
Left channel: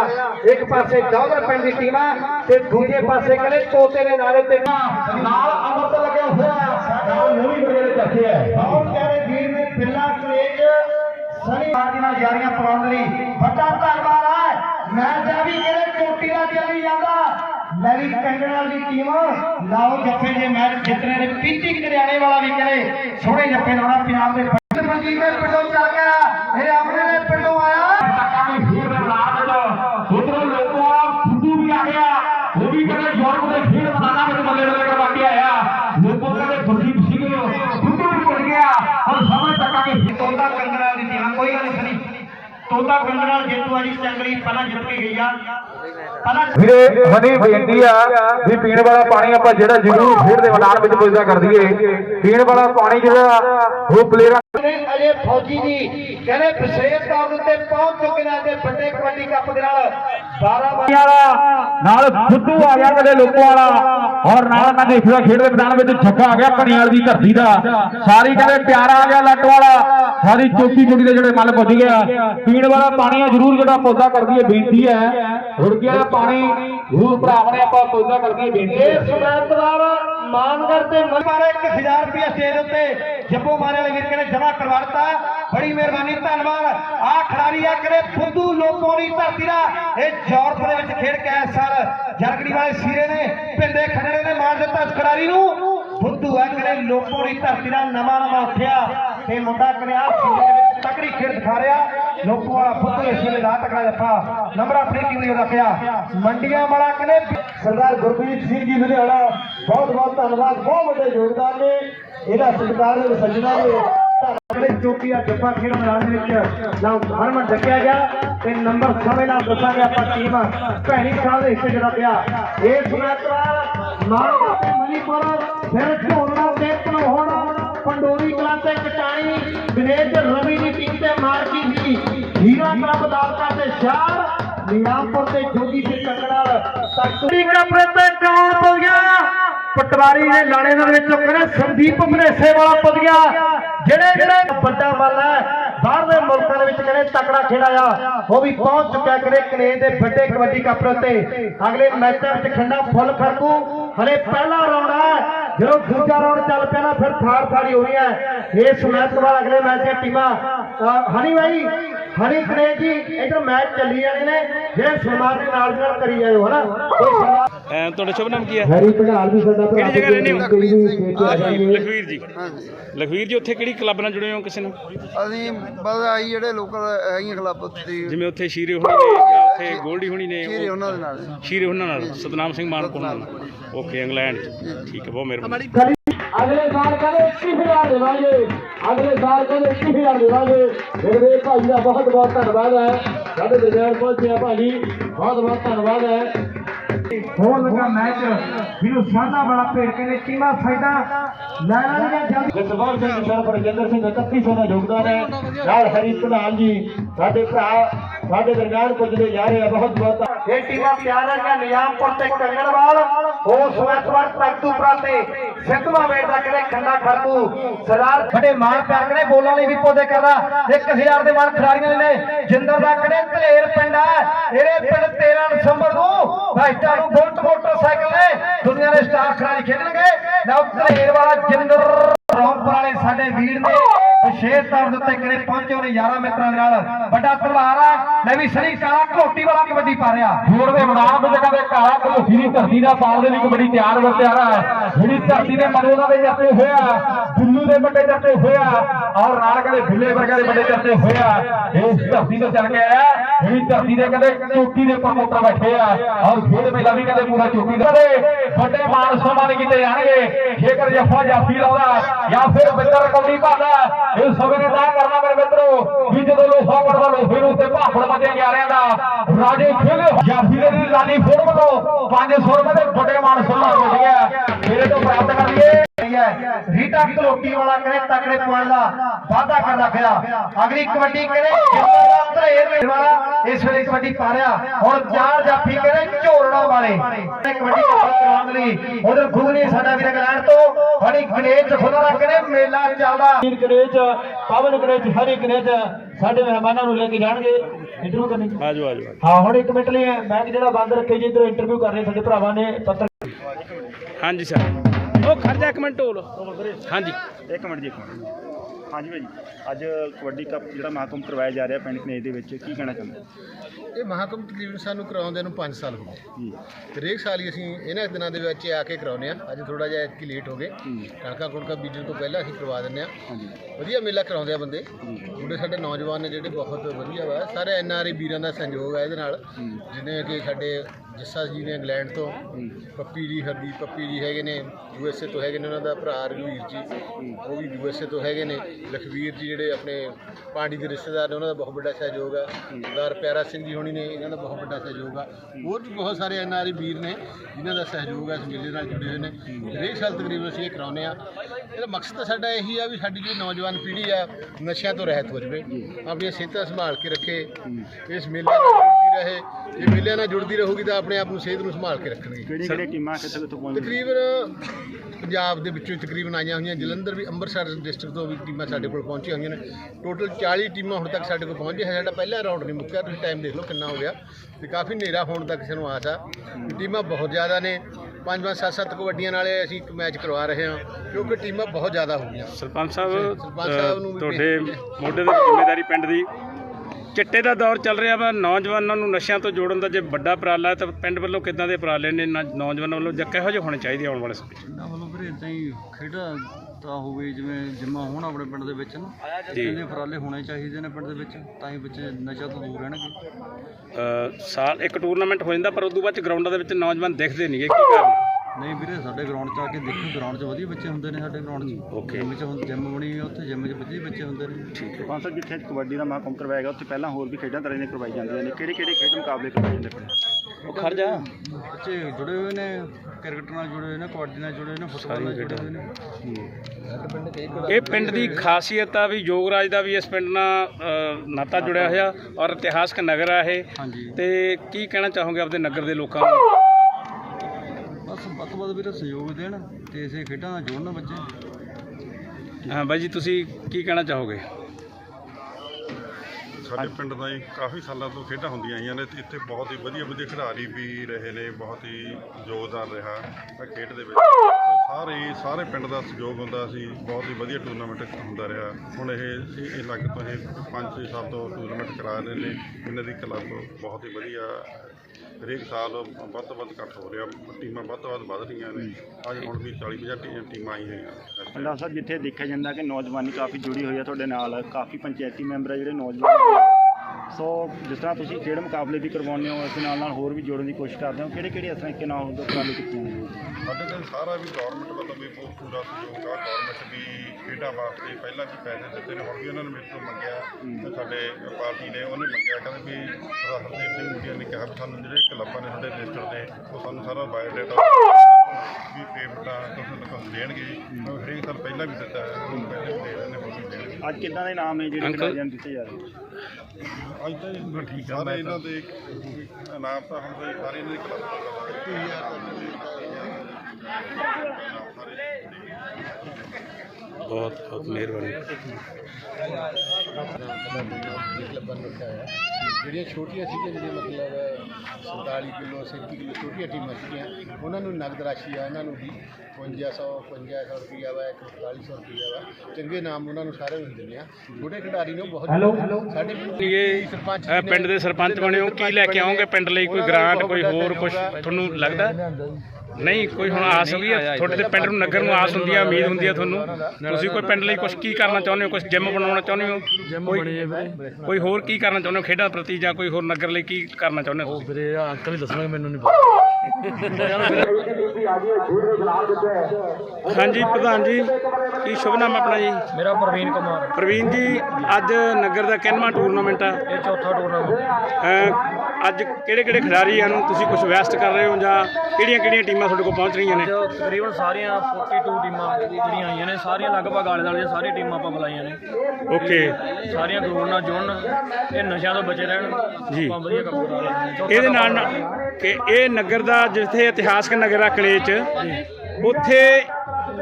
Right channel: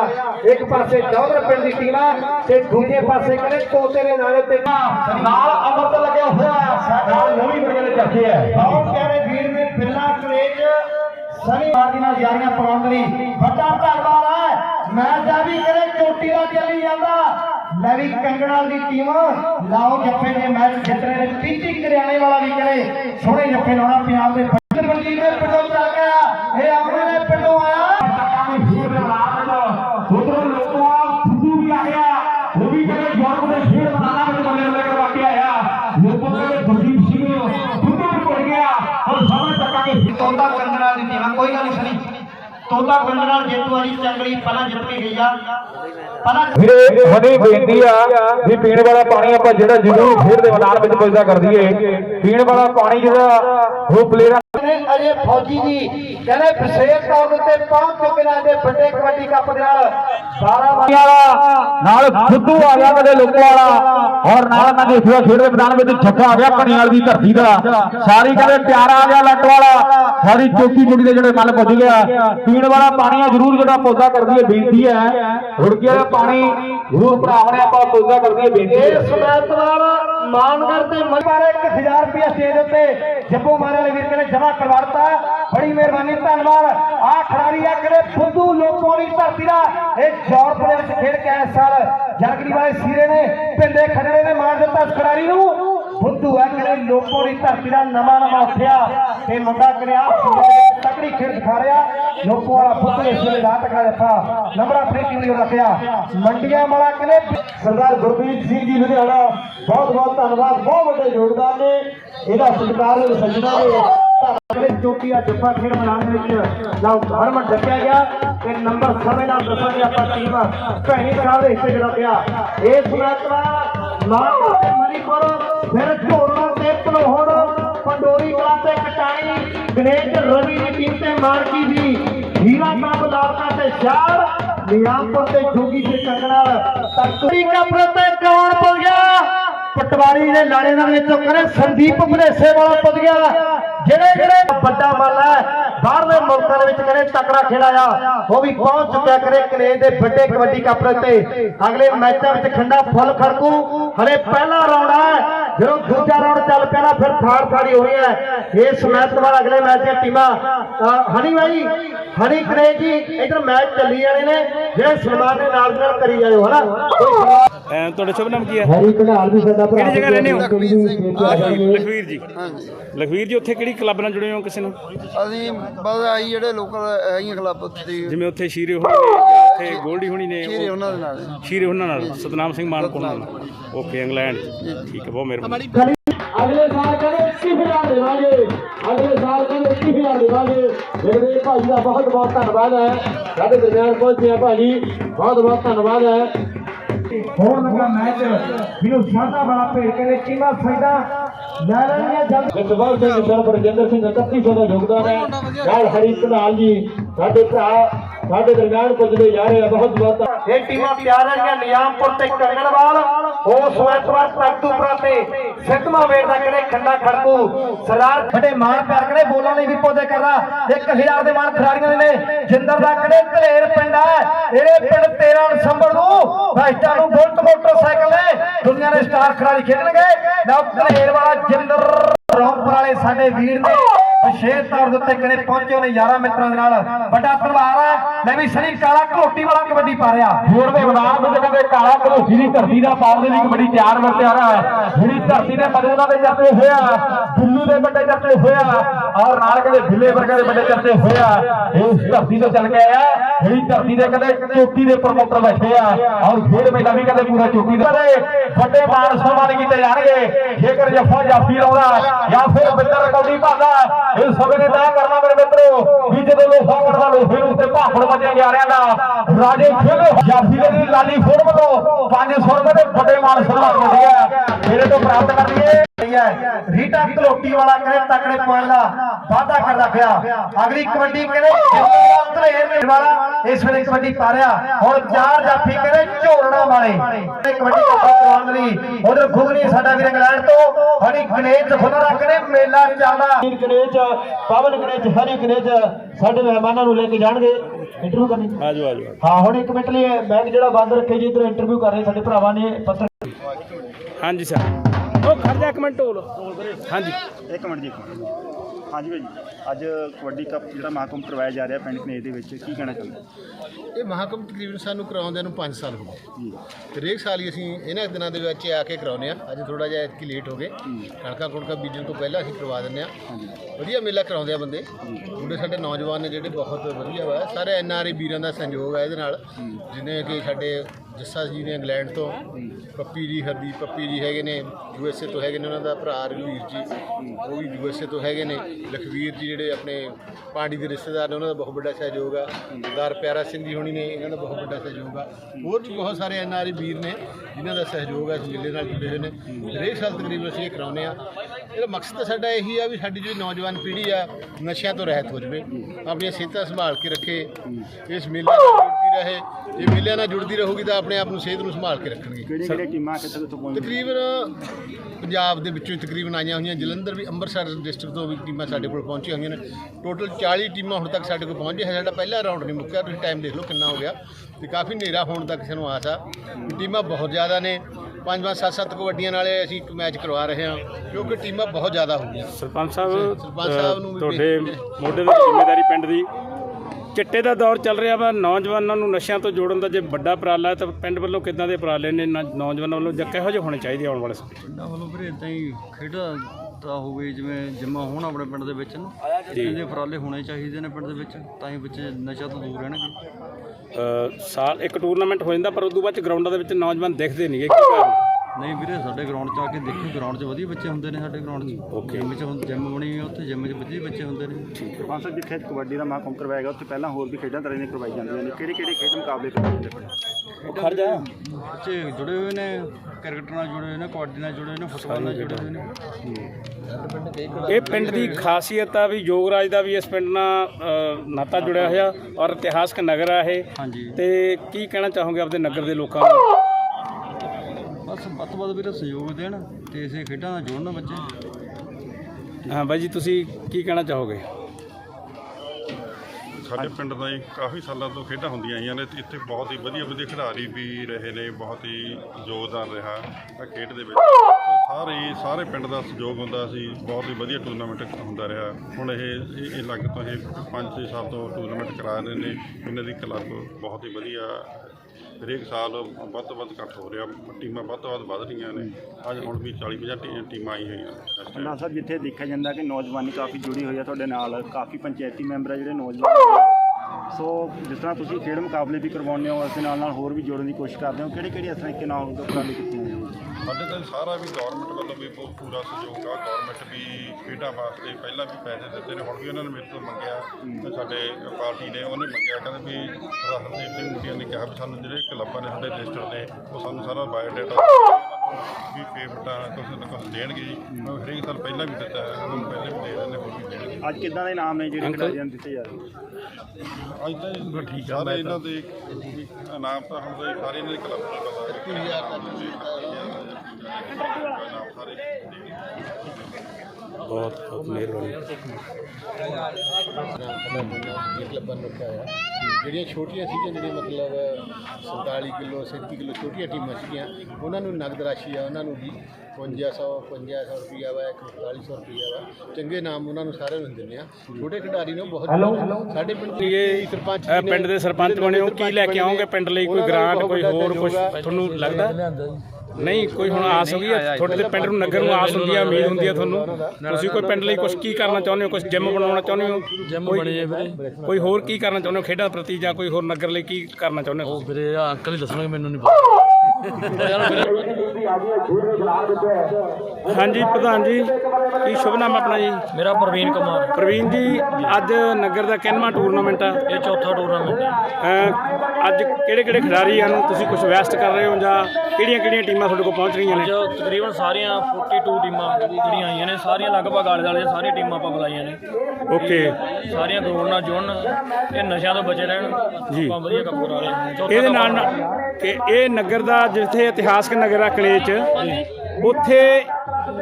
ਇੱਕ ਪਾਸੇ ਡੌਗਰ ਪਿੰਡ ਦੀ ਟੀਮ ਆ ਤੇ ਦੂਜੇ ਪਾਸੇ ਕਹਿੰਦੇ ਤੋਤੇ ਦੇ ਨਾਲੇ ਤੇ ਨਾਲ ਅਮਰਤ ਲੱਗਿਆ ਹੋਇਆ। ਨਾਲ ਨਵੀਂ ਬੜੇ ਚੱਕੇ ਆ। ਬਹੁਤ ਪਿਆਰੇ ਵੀਰ ਨੇ ਫਿੱਲਾ ਕਰੇਜ ਸ਼ਨੀਵਾਰ ਨਾਲ ਯਾਰੀਆਂ ਪਾਉਣ ਲਈ ਵੱਡਾ ਧੰਨਵਾਦ ਹੈ ਮੈਂ ਜਾ ਵੀ ਇਹਦੇ ਚੋਟੀ ਦਾ ਚੱਲੀ ਜਾਂਦਾ। ਮੈਂ ਵੀ ਕੰਗਣਾਲ ਦੀ ਟੀਮ ਲਾਓ ਜੱਫੇ ਦੇ ਮੈਚ ਜਿੱਤ ਰਹੇ ਨੇ। ਪੀਤੀ ਕਰਿਆਣੇ ਵਾਲਾ ਵੀ ਕਰੇ। ਸੋਹਣੇ ਜੱਫੇ ਲਾਉਣਾ ਪੰਜਾਬ ਦੇ ਤੋਤਾ ਕੰਗਣਾਲ ਜੇਤੂ ਵਾਲੀ ਚੰਗੜੀ ਪਹਿਲਾਂ ਜਿੱਤ ਕੇ ਗਈ ਆ। ਵੀਰੇ ਹਨੀ ਬੇਨਤੀ ਆ ਵੀ ਪੀਣ ਵਾਲਾ ਪਾਣੀ ਆਪਾਂ ਜਿਹੜਾ ਜ਼ਰੂਰ ਖੇਡ ਦੇ ਮੈਦਾਨ ਵਿੱਚ ਪੁੱਜਦਾ ਕਰ ਦਈਏ। ਪੀਣ ਵਾਲਾ ਪਾਣੀ ਜਿਹੜਾ ਉਹ ਪਲੇਅਰਾਂ ਨੇ ਅਜੇ ਫੌਜੀ ਜੀ ਕਹਿੰਦੇ ਵਿਸ਼ੇਸ਼ ਤੌਰ ਉੱਤੇ ਪਹੁੰਚ ਚੁੱਕੇ ਨੇ ਦੇ ਵੱਡੇ ਕਬੱਡੀ ਕੱਪ ਦੇ ਨਾਲ। 12 ਵਾਰ ਵਾਲਾ ਨਾਲ ਫੁੱਦੂ ਆ ਗਿਆ ਕਦੇ ਲੋਕੋ ਵਾਲਾ। ਔਰ ਨਾਲ ਮੈਂ ਦੇਖਿਆ ਖੇਡ ਦੇ ਮੈਦਾਨ ਵਿੱਚ ਛੱਪਾ ਆ ਗਿਆ ਕਣੀਵਾਲ ਦੀ ਧਰਤੀ ਦਾ। ਸਾਰੀ ਕਹਿੰਦੇ ਪਿਆਰਾ ਆ ਗਿਆ ਲੱਟ ਵਾਲਾ। ਸਾਰੀ ਚੌਕੀ ਮੁੰਡੀ ਦੇ ਜਿਹੜੇ ਮੱਲ ਪੁੱਜ ਗਿਆ। ਪੀਣ ਵਾਲਾ ਪਾਣੀ ਆ ਜ਼ਰੂਰ ਜਿਹੜਾ ਪੌਦਾ ਕਰਦੀ ਹੈ ਬੇਨਤੀ ਹੈ। ਰੁੜਕੀਆਂ ਦਾ ਪਾਣੀ ਜ਼ਰੂਰ ਭਰਾਵਾਂ ਨੇ ਆਪਾਂ ਪੌਦਾ ਕਰਦੀ ਹੈ ਬੇਨਤੀ ਹੈ। ਸੁਬੈਤਵਾਰ ਮਾਨਗੜ ਤੇ ਮਲਬਾਰੇ 1000 ਰੁਪਏ ਸਟੇਜ ਉੱਤੇ ਜੱਬੂ ਮਾਰੇ ਵਾਲੇ ਵੀਰ ਜਮ੍ਹਾਂ ਕਰਵਾ ਦਿੱਤਾ। ਬੜੀ ਮਿਹਰਬਾਨੀ, ਧੰਨਵਾਦ। ਆ ਖਿਡਾਰੀ ਆ ਕਿਹੜੇ ਫੁੱਦੂ ਲੋਕੋ ਦੀ ਧਰਤੀ ਦਾ ਇਹ ਯੂਰਪ ਦੇ ਵਿੱਚ ਖੇਡ ਕੇ ਆਇਆ ਇਸ ਸਾਲ ਜਰਗੜੀ ਵਾਲੇ ਸੀਰੇ ਨੇ, ਪਿੰਡੇ ਖੰਡੜੇ ਨੇ ਮਾਰ ਦਿੱਤਾ ਇਸ ਖਿਡਾਰੀ ਨੂੰ। ਫੁੱਦੂ ਹੈ ਕਿਹੜੇ ਲੋਕੋ ਦੀ ਧਰਤੀ ਦਾ ਨਵਾਂ ਨਵਾਂ ਉੱਠਿਆ ਤੇ ਮੁੰਡਾ ਕਿਹੜਾ ਤਕੜੀ ਖੇਡ ਦਿਖਾ ਰਿਹਾ। ਲੋਕੋ ਵਾਲਾ ਫੁੱਦੂ ਇਸ ਵੇਲੇ ਦਾ ਤਕੜਾ ਜੱਫਾ ਨੰਬਰ ਆਪਣੀ ਟੀਮ ਲਈ ਰੱਖਿਆ ਮੰਡੀਆਂ ਵਾਲਾ ਕਹਿੰਦੇ ਸਰਦਾਰ ਗੁਰਪ੍ਰੀਤ ਸਿੰਘ ਜੀ ਲੁਧਿਆਣਾ, ਬਹੁਤ ਬਹੁਤ ਧੰਨਵਾਦ, ਬਹੁਤ ਵੱਡੇ ਯੋਗਦਾਨ ਨੇ। ਇਹਦਾ ਸਤਿਕਾਰ ਦੇ ਸੱਜਣਾ ਦੇ ਜਿਹੜੇ ਚੋਟੀ ਜੱਫਾ ਖੇਡ ਮੈਦਾਨ ਦੇ ਵਿੱਚ, ਲਓ, ਹਰਮਨ ਡੱਕਿਆ ਗਿਆ ਤੇ ਨੰਬਰ ਸਮੇਂ ਨਾਲ ਦੱਸਾਂਗੇ ਆਪਾਂ ਟੀਮ ਭੈਣੀ ਸਾਹਿਬ ਦੇ ਹਿੱਸੇ ਜਿਹੜਾ ਪਿਆ। ਇਹ ਸੁਰਤਰਾ ਨਾਲ ਮਨੀਪੁਰ ਫਿਰ ਢੋਲਣਾ ਤੇ ਧਨੋਹੜ ਪੰਡੋਰੀ ਕਲਾਂ ਤੇ ਕਟਾਣੀ ਗਣੇਸ਼ ਰਵੀ ਦੀ ਟੀਮ ਤੇ ਮਾਰਕੀ ਦੀ, ਹੀਰਾ ਕਲੱਬ ਦਾਲਕਾ ਤੇ ਸ਼ਹਿਰ ਨਿਆਮਪੁਰ ਤੇ ਜੋਗੀ ਤੇ ਕੰਗੜਾ ਤੱਕੜੀ ਕਪੜੇ ਤੇ ਕੌਣ ਪੁੱਜ ਗਿਆ? ਪਟਵਾਰੀ ਦੇ ਲਾੜੇ ਨਾਲ ਵਿੱਚੋਂ ਕਹਿੰਦੇ ਸੰਦੀਪ ਮਨੇਸੇ ਵਾਲਾ ਪੁੱਜ ਗਿਆ। ਜਿਹੜੇ ਜਿਹੜੇ ਵੱਡਾ ਮੱਲ ਹੈ ਬਾਹਰਲੇ ਮੁਲਕਾਂ ਦੇ ਵਿੱਚ ਕਹਿੰਦੇ ਤਕੜਾ ਖੇਡਾਇਆ ਉਹ ਵੀ ਪਹੁੰਚ ਚੁੱਕਿਆ ਕਰੇ ਕਨੇਜ ਦੇ ਵੱਡੇ ਕਬੱਡੀ ਕੱਪ ਤੇ ਅਗਲੇ ਮੈਚਾਂ ਵਿੱਚ ਖੰਡਾ ਫੁੱਲ ਖੜਕੂ। ਹਲੇ ਪਹਿਲਾ ਰਾਉਂਡ ਹੈ ਜਦੋਂ ਦੂਜਾ ਰਾਉਂਡ ਚੱਲ ਪਿਆ ਨਾ, ਫਿਰ ਥਾਰ ਥਾਰੀ ਹੋਣੀ ਹੈ ਇਸ ਮੈਚ ਤੋਂ ਬਾਅਦ ਅਗਲੇ ਮੈਚ ਦੀਆਂ ਟੀਮਾਂ, ਅਹ, ਹਨੀ ਭਾਈ ਹਨੀ ਕਨੇਜ ਜੀ, ਇਧਰ ਮੈਚ ਚੱਲੀ ਜਾਣੇ ਨੇ, ਜਿਹੜੇ ਸਲਮਾਨ ਦੇ ਨਾਲ ਨਾਲ ਕਰੀ ਜਾਇਓ, ਹਨਾ? ਅਹ ਤੁਹਾਡਾ ਸ਼ੁਭ ਨਾਮ ਕੀ ਹੈ? ਹਰੀ ਕਢਾਲ ਵੀ ਸਾਡਾ ਭਰਾ ਕਿਹੜੀ ਜਗ੍ਹਾ ਰਹਿੰਦੇ ਹੋ? ਹੋ ਲਖਵੀਰ ਜੀ। ਲਖਵੀਰ ਜੀ। ਉੱਥੇ ਕਿਹੜੀ ਕਲੱਬ ਨਾਲ ਜੁੜੇ ਹੋ ਕਿਸੇ ਨਾਲ? ਅਸੀਂ ਬਸ ਆਈ ਜਿਹੜੇ ਲੋਕਲ ਹੈਗੀਆਂ ਕਲੱਬ ਦੀ। ਜਿਵੇਂ ਉੱਥੇ ਸ਼ੀਰੇ ਹੋਣੀ ਨੇ ਜਾਂ ਉੱਥੇ ਗੋਲਡੀ ਹੋਣੀ ਨੇ ਸ਼ੀਰੇ ਉਹ- ਉਹਨਾਂ ਦੇ ਨਾਲ। ਸ਼ੀਰੇ ਉਹਨਾਂ ਨਾਲ। ਸਤਨਾਮ ਸਿੰਘ ਮਾਨਕੋਟ ਨਾਲ। Okay England. ਠੀਕ ਹੈ ਬਹੁਤ ਮਿਹਰਬਾਨੀ। ਅਗਲੇ ਸਾਲ ਕਹਿੰਦੇ 21000 ਦੇਵਾਂਗੇ। ਅਗਲੇ ਸਾਲ ਕਹਿੰਦੇ 21000 ਦੇਵਾਂਗੇ। ਮੇਰੇ ਭਾਈ ਦਾ ਬਹੁਤ ਬਹੁਤ ਧੰਨਵਾਦ ਹੈ। ਸਾਡੇ ਦਰਮਿਆਨ ਪਹੁੰਚਿਆ ਭਾਜੀ ਬਹੁਤ ਬਹੁਤ ਧੰਨਵਾਦ ਹੈ। ਹੋਣ ਲੱਗਾ ਮੈਚ। ਵੀਰੋ ਸਾਦਾ ਵਾਲਾ ਭੇੜ ਕੇ ਨੇ ਟੀਮਾਂ ਫਾਇਦਾ ਲੈ ਲੈਣਗੇ ਜਲਦੀ। ਜਸਵੰਤ ਸਿੰਘ ਸਰ ਬਰਜਿੰਦਰ ਸਿੰਘ 3100 ਦਾ ਯੋਗਦਾਨ ਹੈ। ਨਾਲ ਹਰੀ ਕਢਾਲ ਜੀ ਸਾਡੇ ਭਰਾ ਸਾਡੇ ਦਰਮਿਆਨ ਪੁੱਜਦੇ ਜਾ ਰਹੇ ਆ ਬਹੁਤ ਬਹੁਤ ਇਹ ਟੀਮਾਂ ਤਿਆਰ ਹੈ ਨਿਯਾਮਪੁਰ ਤੇ ਕੰਗਣਵਾਲ। ਉਸ ਵਰਤਵਾਰ ਪ੍ਰਗਟੂ ਪ੍ਰਾਤੇ ਸਿੱਧਵਾ ਵੇੜ ਦਾ ਕਿਹੜੇ ਖੰਡਾ ਖਰਦੂ ਸਰਦਾਰ ਖੜੇ ਮਾਰ ਪਿਆ ਕਿਹੜੇ ਬੋਲਾਂ ਲਈ ਵੀ ਦੇ ਕਰਦਾ। 1000 ਦੇ ਨਾਲ ਖਿਡਾਰੀਆਂ ਨੇ ਜਿੰਦਰ ਦਾ ਕਿਹੜੇ ਢੇਰ ਪਿੰਡ ਹੈ? ਇਹਦੇ ਪਿੰਡ 13 ਦਸੰਬਰ ਨੂੰ ਭਾਈਟਾ ਨੂੰ ਬੁਲਟ ਮੋਟਰਸਾਈਕਲ ਨੇ ਦੁਨੀਆ ਦੇ ਸਟਾਰ ਖਿਡਾਰੀ ਖੇਡਣਗੇ। ਨਾ ਢੇਰ ਵਾਲਾ ਜਿੰਦਰ ਰੌਂਪ ਵਾਲੇ ਸਾਡੇ ਵੀਰ ਨੇ ਵਿਸ਼ੇਸ਼ ਤੌਰ ਦੇ ਉੱਤੇ ਕਿਨੇ ਪਹੁੰਚੇ ਉਹਨੇ 11 ਮਿੰਟਾਂ ਦੇ ਨਾਲ। ਵੱਡਾ ਤਲਵਾਰ ਆ। ਮੈਂ ਵੀ ਸਰੀ ਕਾਲਾ ਘੋਟੀ ਵਾਲਾ ਕਬੱਡੀ ਪਾ ਰਿਹਾ। ਹੋਰ ਦੇ ਮੈਦਾਨ ਵਿੱਚ ਕਹਿੰਦੇ ਕਾਲਾ ਘਲੋਸੀ ਦੀ ਧਰਤੀ ਦਾ ਪਾਉ ਦੇ ਲਈ ਕਬੱਡੀ ਤਿਆਰ ਵਰਤਿਆ ਆ ਹੈ। ਜਿਹੜੀ ਧਰਤੀ ਦੇ ਮਰਜ਼ੋਂ ਦੇ ਚਰਚੇ ਹੋਇਆ ਬਿੱਲੂ ਦੇ ਵੱਡੇ ਚਰਚੇ ਹੋਇਆ ਔਰ ਨਾਲ ਕਹਿੰਦੇ ਬਿੱਲੇ ਵਰਗੇ ਦੇ ਵੱਡੇ ਚਰਚੇ ਹੋਇਆ ਇਸ ਧਰਤੀ ਤੇ ਚੱਲ ਕੇ ਆਇਆ। ਜਿਹੜੀ ਧਰਤੀ ਦੇ ਕਹਿੰਦੇ ਚੋਟੀ ਦੇ ਪ੍ਰਮੋਟਰ ਬੈਠੇ ਆ। ਔਰ ਖੇਡ ਮੇਲਾ ਵੀ ਕਹਿੰਦੇ ਪੂਰਾ ਚੋਟੀ ਦੇ ਵੱਡੇ ਮਾਨ ਸਨਮਾਨ ਕੀਤੇ ਜਾਣਗੇ। ਜੇਕਰ ਜੱਫਾ ਜਾਫੀ ਲਾਉਂਦਾ ਜਾਂ ਫਿਰ ਬਿੱਦਰ ਕੌਡੀ ਭਾਦਾ ਇਹ ਸਮੇਂ ਨੂੰ ਤਾਂ ਕਰਨਾ ਮੇਰੇ ਮਿੱਤਰੋ। ਵੀ ਜਦੋਂ ਲੋਹਾ ਵੜਦਾ, ਲੋਹੇ ਨੂੰ ਤੇ ਭਾਖੜ ਵੱਜੇ ਗਿਆਰਿਆਂ ਦਾ। ਰਾਜੇ ਖੇਲੇ ਜਾਫੀ ਦੇ ਦੀ ਲਾਲੀ ਫੋੜ ਵੱਲੋਂ 500 ਰੁਪਏ ਦੇ ਵੱਡੇ ਮਾਨ ਸਨਮਾਨ ਮਿਲਦੇ ਆ ਮੇਰੇ ਤੋਂ ਪ੍ਰਾਪਤ ਕਰ ਲਈਏ। ਰੀਟਾ ਕਲੋਟੀ ਵਾਲਾ ਕਰੇ ਤਕੜੇ ਪੁਆਲ ਦਾ ਵਾਅਦਾ ਕਰਦਾ ਪਿਆ। ਅਗਲੀ ਕਬੱਡੀ ਕਰੇ ਜਿੰਦਾਬਾਦ ਵਾਲਾ ਇਸ ਵੇਲੇ ਕਬੱਡੀ ਪਾ ਰਿਹਾ ਹੁਣ ਚਾਰ ਜਾਫੀ ਕਰੇ ਝੋਰਣਾ ਵਾਲੇ। ਕਬੱਡੀ ਕਰਵਾਉਣ ਲਈ ਉਧਰ ਗੁਗਨੀ ਸਾਡਾ ਵੀਰ ਇੰਗਲੈਂਡ ਤੋਂ ਹਣੀ ਗਣੇਸ਼ ਖੁਦ ਰੱਖਣੇ ਮੇਲਾ ਚੱਲਦਾ। ਵੀਰ ਗਣੇਸ਼ ਪਵਨ ਗਣੇਸ਼ ਹਰੀ ਗਣੇਸ਼ ਸਾਡੇ ਮਹਿਮਾਨਾਂ ਨੂੰ ਲੈ ਕੇ ਜਾਣਗੇ। ਇੰਟਰਵਿਊ ਕਰਨੀ। ਆਜੋ ਆਜੋ ਹਾਂ ਹੁਣ ਇੱਕ ਮਿੰਟ ਲਈ ਮੈਂ ਜਿਹੜਾ ਬੰਦ ਰੱਖੇ ਜੀ ਇਧਰ ਇੰਟਰਵਿਊ ਕਰ ਰਹੇ ਸਾਡੇ ਭਰਾਵਾਂ ਨੇ ਪੱਤਰ। ਹਾਂਜੀ ਸਰ ਉਹ ਖੜ ਜਾ ਇੱਕ ਮਿੰਟ ਢੋਲ। ਹਾਂਜੀ। ਇੱਕ ਮਿੰਟ ਜੀ ਇੱਕ ਮਿੰਟ। ਹਾਂਜੀ ਭਾਈ ਅੱਜ ਕਬੱਡੀ ਕੱਪ ਜਿਹੜਾ ਮਹਾਕੁੰਭ ਕਰਵਾਇਆ ਜਾ ਰਿਹਾ ਪਿੰਡ ਕਨੇਜ ਦੇ ਵਿੱਚ ਕੀ ਕਹਿਣਾ ਚਾਹੁੰਦੇ ਇਹ ਮਹਾਕੁੰਭ ਤਕਰੀਬਨ ਸਾਨੂੰ ਕਰਾਉਂਦਿਆਂ ਨੂੰ 5 ਸਾਲ ਹੋ ਗਏ। ਤੇ ਹਰੇਕ ਸਾਲ ਹੀ ਅਸੀਂ ਇਹਨਾਂ ਦਿਨਾਂ ਦੇ ਵਿੱਚ ਆ ਕੇ ਕਰਾਉਂਦੇ ਆ ਅੱਜ ਥੋੜਾ ਜਿਹਾ ਐਤਕੀ ਲੇਟ ਹੋ ਗਏ। ਕਣਕਾਂ ਕੁਣਕਾਂ ਬੀਜਣ ਤੋਂ ਪਹਿਲਾਂ ਅਸੀਂ ਕਰਵਾ ਦਿੰਦੇ ਆ ਵਧੀਆ ਮੇਲਾ ਕਰਾਉਂਦੇ ਆ ਬੰਦੇ। ਮੁੰਡੇ ਸਾਡੇ ਨੌਜਵਾਨ ਨੇ ਜਿਹੜੇ ਬਹੁਤ ਵਧੀਆ ਵਾ ਸਾਰੇ ਐਨ ਆਰ ਆਈ ਵੀਰਾਂ ਦਾ ਸਹਿਯੋਗ ਹੈ ਇਹਦੇ ਨਾਲ। ਜਿਵੇਂ ਕਿ ਸਾਡੇ ਜੱਸਾ ਜੀ ਨੇ ਇੰਗਲੈਂਡ ਤੋਂ ਪੱਪੀ ਜੀ, ਹਰਦੀਪ ਪੱਪੀ ਜੀ ਹੈਗੇ ਨੇ, ਯੂ ਐਸ ਏ ਤੋਂ ਹੈਗੇ ਨੇ ਉਹਨਾਂ ਦਾ ਭਰਾ ਰਘਵੀਰ ਜੀ, ਉਹ ਵੀ ਯੂ ਐਸ ਏ ਤੋਂ ਹੈਗੇ ਨੇ। ਲਖਵੀਰ ਜੀ ਜਿਹੜੇ ਆਪਣੇ ਪਾਣੀ ਦੇ ਰਿਸ਼ਤੇਦਾਰ ਨੇ, ਉਹਨਾਂ ਦਾ ਬਹੁਤ ਵੱਡਾ ਸਹਿਯੋਗ ਆ। ਸਰਦਾਰ ਪਿਆਰਾ ਸਿੰਘ ਜੀ ਹੋਣੀ ਨੇ, ਇਹਨਾਂ ਦਾ ਬਹੁਤ ਵੱਡਾ ਸਹਿਯੋਗ ਆ। ਹੋਰ ਵੀ ਬਹੁਤ ਸਾਰੇ ਐਨ ਆਰ ਆਈ ਵੀਰ ਨੇ, ਜਿਨ੍ਹਾਂ ਦਾ ਸਹਿਯੋਗ ਆ ਇਸ ਮੇਲੇ ਨਾਲ ਜੁੜੇ ਹੋਏ ਨੇ। ਹਰੇਕ ਸਾਲ ਤਕਰੀਬਨ ਅਸੀਂ ਇਹ ਕਰਾਉਂਦੇ ਆ। ਇਹਦਾ ਮਕਸਦ ਤਾਂ ਸਾਡਾ ਇਹੀ ਆ ਵੀ ਸਾਡੀ ਜਿਹੜੀ ਨੌਜਵਾਨ ਪੀੜ੍ਹੀ ਆ, ਨਸ਼ਿਆਂ ਤੋਂ ਰਹਿਤ ਹੋ ਜਾਵੇ। ਆਪਣੀਆਂ ਸਿਹਤਾਂ ਸੰਭਾਲ ਕੇ ਰੱਖੇ। ਇਸ ਮੇਲੇ ਰਹੇ ਇਹ ਮੇਲਿਆਂ ਨਾਲ ਜੁੜਦੀ ਰਹੂਗੀ ਤਾਂ ਆਪਣੇ ਆਪ ਨੂੰ ਸਿਹਤ ਨੂੰ ਸੰਭਾਲ ਕੇ ਰੱਖਣਗੇ। ਕਿਹੜੀ ਕਿਹੜੀ ਟੀਮਾਂ ਕਿੱਥੇ ਕਿੱਥੋਂ ਪਹੁੰਚ ਤਕਰੀਬਨ ਪੰਜਾਬ ਦੇ ਵਿੱਚੋਂ ਤਕਰੀਬਨ ਆਈਆਂ ਹੋਈਆਂ ਜਲੰਧਰ ਵੀ ਅੰਮ੍ਰਿਤਸਰ ਡਿਸਟ੍ਰਿਕਟ ਤੋਂ ਵੀ ਟੀਮਾਂ ਸਾਡੇ ਕੋਲ ਪਹੁੰਚੀਆਂ ਹੋਈਆਂ ਨੇ। ਟੋਟਲ 40 ਟੀਮਾਂ ਹੁਣ ਤੱਕ ਸਾਡੇ ਕੋਲ ਪਹੁੰਚੇ ਹੈ ਸਾਡਾ ਪਹਿਲਾ ਰਾਊਂਡ ਨਹੀਂ ਮੁੱਕਿਆ ਤੁਸੀਂ ਟਾਈਮ ਦੇਖ ਲਓ ਕਿੰਨਾ ਹੋ ਗਿਆ। ਤੇ ਕਾਫੀ ਹਨੇਰਾ ਹੋਣ ਤੱਕ ਕਿਸੇ ਨੂੰ ਆਸ ਆ। ਟੀਮਾਂ ਬਹੁਤ ਜ਼ਿਆਦਾ ਨੇ। ਪੰਜ ਪੰਜ ਸੱਤ ਸੱਤ ਕਬੱਡੀਆਂ ਨਾਲੇ ਅਸੀਂ ਇੱਕ ਮੈਚ ਕਰਵਾ ਰਹੇ ਹਾਂ ਕਿਉਂਕਿ ਟੀਮਾਂ ਬਹੁਤ ਜ਼ਿਆਦਾ ਹੋ ਗਈਆਂ। ਸਰਪੰਚ ਸਾਹਿਬ ਸਰਪੰਚ ਸਾਹਿਬ ਨੂੰ ਵੀ ਤੁਹਾਡੇ ਮੋਢੇ ਤੇ ਜ਼ਿੰਮੇਵਾਰੀ ਪਿੰਡ ਦੀ ਚਿੱਟੇ ਦਾ ਦੌਰ ਚੱਲ ਰਿਹਾ ਵਾ ਨੌਜਵਾਨਾਂ ਨੂੰ ਨਸ਼ਿਆਂ ਤੋਂ ਜੋੜਨ ਦਾ ਜੇ ਵੱਡਾ ਉਪਰਾਲਾ ਹੈ ਤਾਂ ਪਿੰਡ ਵੱਲੋਂ ਕਿੱਦਾਂ ਦੇ ਉਪਰਾਲੇ ਨੇ? ਨਾ- ਨੌਜਵਾਨਾਂ ਵੱਲੋਂ ਜਾਂ ਕਿਹੋ ਜਿਹੇ ਹੋਣੇ ਚਾਹੀਦੇ ਆਉਣ ਵਾਲੇ ਸਮੇਂ 'ਚ? ਪਿੰਡਾਂ ਵੱਲੋਂ ਵੀਰੇ ਇਦਾਂ ਹੀ ਖੇਡਾਂ ਤਾਂ ਹੋਵੇ ਜਿਵੇਂ ਜਿੰਮਾਂ ਹੋਣ ਆਪਣੇ ਪਿੰਡ ਦੇ ਵਿੱਚ ਨਾ ਇਹਦੇ ਉਪਰਾਲੇ ਹੋਣੇ ਚਾਹੀਦੇ ਨੇ ਪਿੰਡ ਦੇ ਵਿੱਚ ਤਾਂ ਹੀ ਬੱਚੇ ਨਸ਼ਾ ਤੋਂ ਦੂਰ ਰਹਿਣਗੇ। ਅ, ਸਾਲ ਇੱਕ ਟੂਰਨਾਮੈਂਟ ਹੋ ਜਾਂਦਾ ਪਰ ਉਦੋਂ ਬਾਅਦ ਚ ਗਰਾਊਂਡਾਂ ਦੇ ਵਿੱਚ ਨੌਜਵਾਨ ਦਿਖਦੇ ਨਹੀਂਗੇ ਕੀ ਕਾਰਨ ਨਹੀਂ ਵੀਰੇ ਸਾਡੇ ਗਰਾਊਂਡ 'ਚ ਆ ਕੇ ਦੇਖੋ ਗਰਾਊਂਡ 'ਚ ਵਧੀਆ ਬੱਚੇ ਹੁੰਦੇ ਨੇ ਸਾਡੇ ਗਰਾਊਂਡ 'ਚ। Okay. ਜਿੰਮ 'ਚ ਹੁਣ ਜਿੰਮ ਬਣੀ ਹੋਈ ਆ ਉੱਥੇ ਜਿੰਮ 'ਚ ਵਧੀਆ ਬੱਚੇ ਹੁੰਦੇ ਨੇ। ਸਰਪੰਚ ਸਾਹਿਬ ਜਿੱਥੇ ਕਬੱਡੀ ਦਾ ਮਹਾਕੁੰਭ ਕਰਵਾਇਆ ਗਿਆ ਉੱਥੇ ਪਹਿਲਾਂ ਹੋਰ ਵੀ ਖੇਡਾਂ ਤਰ੍ਹਾਂ ਦੀਆਂ ਕਰਵਾਈ ਜਾਂਦੀਆਂ ਨੇ। ਕਿਹੜੇ ਕਿਹੜੇ ਖੇਡ ਮੁਕਾਬਲੇ ਕਰਵਾਏ ਜਾਂਦੇ ਨੇ? ਉਹ ਖੜ ਜਾ। ਬੱਚੇ ਜੁੜੇ ਹੋਏ ਨੇ ਕ੍ਰਿਕਟ ਨਾਲ ਜੁੜੇ ਹੋਏ ਨੇ ਕਬੱਡੀ ਨਾਲ ਜੁੜੇ ਹੋਏ ਨੇ ਫੁੱਟਬਾਲ ਨਾਲ ਜੁੜੇ ਹੋਏ ਨੇ। ਇਹ ਪਿੰਡ ਦੀ ਖਾਸੀਅਤ ਆ ਵੀ ਯੋਗਰਾਜ ਦਾ ਵੀ ਇਸ ਪਿੰਡ ਨਾਲ ਅ, ਨਾਤਾ ਜੁੜਿਆ ਹੋਇਆ ਔਰ ਇਤਿਹਾਸਕ ਨਗਰ ਆ ਇਹ। ਹਾਂਜੀ। ਤੇ ਕੀ ਕਹਿਣਾ ਚਾਹੋਗੇ ਆਪਦੇ ਨਗਰ ਦੇ ਲੋਕਾਂ ਨੂੰ? ਬਸ ਵੱਧ ਤੋਂ ਵੱਧ ਵੀਰੇ ਸਹਿਯੋਗ ਦੇਣ ਤੇ ਇਸੇ ਖੇਡਾਂ ਨਾਲ ਜੋੜਨ ਬੱਚੇ। ਹਾਂ ਬਾਈ ਜੀ ਤੁਸੀਂ ਕੀ ਕਹਿਣਾ ਚਾਹੋਗੇ? ਸਾਡੇ ਪਿੰਡ ਦਾ ਹੀ ਕਾਫੀ ਸਾਲਾਂ ਤੋਂ ਖੇਡਾਂ ਹੁੰਦੀਆਂ ਆਈਆਂ ਨੇ ਤੇ ਇੱਥੇ ਬਹੁਤ ਹੀ ਵਧੀਆ ਵਧੀਆ ਖਿਡਾਰੀ ਵੀ ਰਹੇ ਨੇ ਬਹੁਤ ਹੀ ਯੋਗਦਾਨ ਰਿਹਾ ਆ ਖੇਡ ਦੇ ਵਿੱਚ। ਸੋ ਸਾਰੇ ਸਾਰੇ ਪਿੰਡ ਦਾ ਸਹਿਯੋਗ ਹੁੰਦਾ ਸੀ ਬਹੁਤ ਹੀ ਵਧੀਆ ਟੂਰਨਾਮੈਂਟ ਹੁੰਦਾ ਰਿਹਾ। ਹੁਣ ਇਹ ਇਹ ਇਹ ਲੱਗ ਤੋਂ ਇਹ 5-6 ਸਾਲ ਤੋਂ ਟੂਰਨਾਮੈਂਟ ਕਰਾ ਰਹੇ ਨੇ ਇਹਨਾਂ ਦੀ ਕਲੱਬ ਬਹੁਤ ਹੀ ਵਧੀਆ ਹਰੇਕ ਸਾਲ ਵੱਧ ਤੋਂ ਵੱਧ ਇਕੱਠ ਹੋ ਰਿਹਾ, ਟੀਮਾਂ ਵੱਧ ਤੋਂ ਵੱਧ ਵੱਧ ਰਹੀਆਂ ਨੇ। ਅੱਜ ਹੁਣ ਵੀ 40-50 ਟੀਮਾਂ ਆਈ ਹੋਈਆਂ ਨੇ। ਇਸ ਸਾਹਿਬ ਜਿੱਥੇ ਦੇਖਿਆ ਜਾਂਦਾ ਕਿ ਨੌਜਵਾਨੀ ਕਾਫੀ ਜੁੜੀ ਹੋਈ ਹੈ ਤੁਹਾਡੇ ਨਾਲ, ਕਾਫੀ ਪੰਚਾਇਤੀ ਮੈਂਬਰ ਆ ਜਿਹੜੇ ਨੌਜਵਾਨ ਸੋ ਜਿਸ ਤਰ੍ਹਾਂ ਤੁਸੀਂ ਖੇਡ ਮੁਕਾਬਲੇ ਵੀ ਕਰਵਾਉਂਦੇ ਹੋ ਅਸੀਂ ਨਾਲ ਨਾਲ ਹੋਰ ਵੀ ਜੋੜਨ ਦੀ ਕੋਸ਼ਿਸ਼ ਕਰਦੇ ਹੋ ਕਿਹੜੇ ਕਿਹੜੇ ਇਸ ਤਰੀਕੇ ਨਾਲ ਉਪਰਾਲੇ ਕੀਤੇ ਹੋਏ ਨੇ ਸਾਡੇ ਤਾਂ ਸਾਰਾ ਵੀ ਗਵਰਨਮੈਂਟ ਵੱਲੋਂ ਵੀ ਬਹੁਤ ਪੂਰਾ ਸਹਿਯੋਗ ਆ। ਗਵਰਨਮੈਂਟ ਵੀ ਖੇਡਾਂ ਵਾਸਤੇ ਪਹਿਲਾਂ ਵੀ ਪੈਸੇ ਦਿੱਤੇ ਨੇ, ਹੁਣ ਵੀ ਉਹਨਾਂ ਨੇ ਮੇਰੇ ਤੋਂ ਮੰਗਿਆ। ਤੇ ਸਾਡੇ ਪਾਰਟੀ ਨੇ ਉਹਨੇ ਮੰਗਿਆ, ਕਹਿੰਦੇ ਵੀ ਸਰਦਾਰ ਹਰਦੀਪ ਸਿੰਘ ਮੁੰਡਿਆ ਨੇ ਕਿਹਾ ਵੀ ਸਾਨੂੰ ਜਿਹੜੇ ਕਲੱਬਾਂ ਨੇ ਸਾਡੇ ਰਜਿਸਟਰ ਦੇ, ਉਹ ਸਾਨੂੰ ਸਾਰਾ ਬਾਇਓਡਾਟਾ ਵੀ ਪੇਮੈਂਟਾਂ ਕੁਛ ਨਾ ਕੁਛ ਦੇਣਗੇ ਜੀ। ਮੈਂ ਹਰੇਕ ਸਾਲ ਪਹਿਲਾਂ ਵੀ ਦਿੱਤਾ ਹੈ, ਉਹਨਾਂ ਨੂੰ ਪਹਿਲੇ ਵੀ ਦੇ ਰਹੇ ਨੇ ਹੋਰ ਵੀ ਦੇਣਗੇ ਅੱਜ ਕਿੱਦਾਂ ਦੇ ਨਾਮ ਨੇ ਜਿਹੜੇ ਅੰਕਲ। ਖਿਡਾਰੀਆਂ ਨੂੰ ਦਿੱਤੇ ਜਾ ਰਹੇ ਨੇ ਅੱਜ ਤਾਂ ਠੀਕ ਆ ਮੈਂ ਇਹਨਾਂ ਦੇ ਵੀ ਨਾਮ ਤਾਂ ਹੁਣ ਤਾਂ ਜੀ ਸਾਰੇ ਇਹਨਾਂ ਦੇ ਕਲੱਬ ਦਾ ਪਤਾ ਹੈ ਨਾਮ ਸਾਰੇ ਦੇ ਬਹੁਤ ਬਹੁਤ ਮਿਹਰਬਾਨੀ। ਕਲੱਬਾਂ ਰੱਖਿਆ ਹੋਇਆ ਜਿਹੜੀਆਂ ਛੋਟੀਆਂ ਸੀਗੀਆਂ ਜਿਹੜੀਆਂ ਮਤਲਬ 47 ਕਿਲੋ 37 ਕਿਲੋ ਛੋਟੀਆਂ ਟੀਮਾਂ ਸੀਗੀਆਂ ਉਹਨਾਂ ਨੂੰ ਨਗਦ ਰਾਸ਼ੀ ਆ ਉਹਨਾਂ ਨੂੰ ਵੀ 5500 5500 ਰੁਪਈਆ ਵਾ 4100 ਰੁਪਈਆ ਵਾ। ਚੰਗੇ ਨਾਮ ਉਹਨਾਂ ਨੂੰ ਸਾਰਿਆਂ ਨੂੰ ਦਿੰਦੇ ਆ। ਛੋਟੇ ਖਿਡਾਰੀ ਨੇ ਬਹੁਤ ਸਾਡੇ ਪਿੰਡ ਦੇ ਇਹ ਸਰਪੰਚ ਅ, ਪਿੰਡ ਦੇ ਸਰਪੰਚ ਬਣੇ ਹੋ ਕੀ ਲੈ ਕੇ ਆਓਗੇ? ਪਿੰਡ ਲਈ ਕੋਈ ਗ੍ਰਾਂਟ ਕੋਈ ਹੋਰ ਕੁਝ ਤੁਹਾਨੂੰ ਲੱਗਦਾ? ਨਹੀਂ ਕੋਈ ਹੁਣ ਆਸ ਹੋਗੀ ਹੈ ਤੁਹਾਡੇ ਤੇ ਪਿੰਡ ਨੂੰ ਨਗਰ ਨੂੰ ਆਸ ਹੁੰਦੀ ਹੈ ਉਮੀਦ ਹੁੰਦੀ ਹੈ ਤੁਹਾਨੂੰ। ਤੁਸੀਂ ਕੋਈ ਪਿੰਡ ਲਈ ਕੁਝ ਕੀ ਕਰਨਾ ਚਾਹੁੰਦੇ ਹੋ? ਕੁਝ ਜਿਮ ਬਣਾਉਣਾ ਚਾਹੁੰਦੇ ਹੋ? ਜਿਮ ਕੋਈ- ਬਣੇ ਵੀਰੇ। ਕੋਈ ਹੋਰ ਕੀ ਕਰਨਾ ਚਾਹੁੰਦੇ ਹੋ? ਖੇਡਾਂ ਪ੍ਰਤੀ ਜਾਂ ਕੋਈ ਹੋਰ ਨਗਰ ਲਈ ਕੀ ਕਰਨਾ ਚਾਹੁੰਦੇ ਹੋ ਉਹ ਵੀਰੇ ਆਹ ਅੰਕਲ ਹੀ ਦੱਸਣਗੇ ਮੈਨੂੰ ਨਹੀਂ ਪਤਾ। ਹਾਂਜੀ ਪ੍ਰਧਾਨ ਜੀ ਕੀ ਸ਼ੁਭ ਨਾਮ ਆਪਣਾ ਜੀ? ਮੇਰਾ ਪ੍ਰਵੀਨ ਕੁਮਾਰ। ਪ੍ਰਵੀਨ ਜੀ ਅੱਜ ਨਗਰ ਦਾ ਕਿੰਨਵਾਂ ਟੂਰਨਾਮੈਂਟ ਆ? ਇਹ ਚੌਥਾ ਟੂਰਨਾਮੈਂਟ ਹੈ। ਅੱਜ ਕਿਹੜੇ ਕਿਹੜੇ ਖਿਡਾਰੀਆਂ ਨੂੰ ਤੁਸੀਂ ਕੁਝ ਵੈਸਟ ਕਰ ਰਹੇ ਹੋ ਜਾਂ ਕਿਹੜੀਆਂ ਕਿਹੜੀਆਂ ਟੀਮਾਂ ਤੁਹਾਡੇ ਕੋਲ ਪਹੁੰਚ ਰਹੀਆਂ ਨੇ? ਜੋ ਤਕਰੀਬਨ ਸਾਰੀਆਂ 42 ਟੀਮਾਂ ਜਿਹੜੀਆਂ ਆਈਆਂ ਨੇ ਸਾਰੀਆਂ ਲਗਭਗ ਆਲੇ ਦੀਆਂ ਸਾਰੀਆਂ ਟੀਮਾਂ ਆਪਾਂ ਬੁਲਾਈਆਂ ਨੇ। ਓਕੇ। ਸਾਰੀਆਂ ਦੌੜ ਨਾਲ ਜੁੜਨ ਇਹ ਨਸ਼ਿਆਂ ਤੋਂ ਬਚੇ ਰਹਿਣ ਜੀ। ਆਪਾਂ ਵਧੀਆ ਕੰਮ ਕਰਾ ਰਹੇ ਹਾਂ। ਚੌਥਾ ਇਹਦੇ ਕੰਮ ਨਾਲ ਨਾਲ ਕਿ ਇਹ ਨਗਰ ਦਾ ਜਿੱਥੇ ਇਤਿਹਾਸਕ ਨਗਰ ਆ ਕਲੇਚ ਉੱਥੇ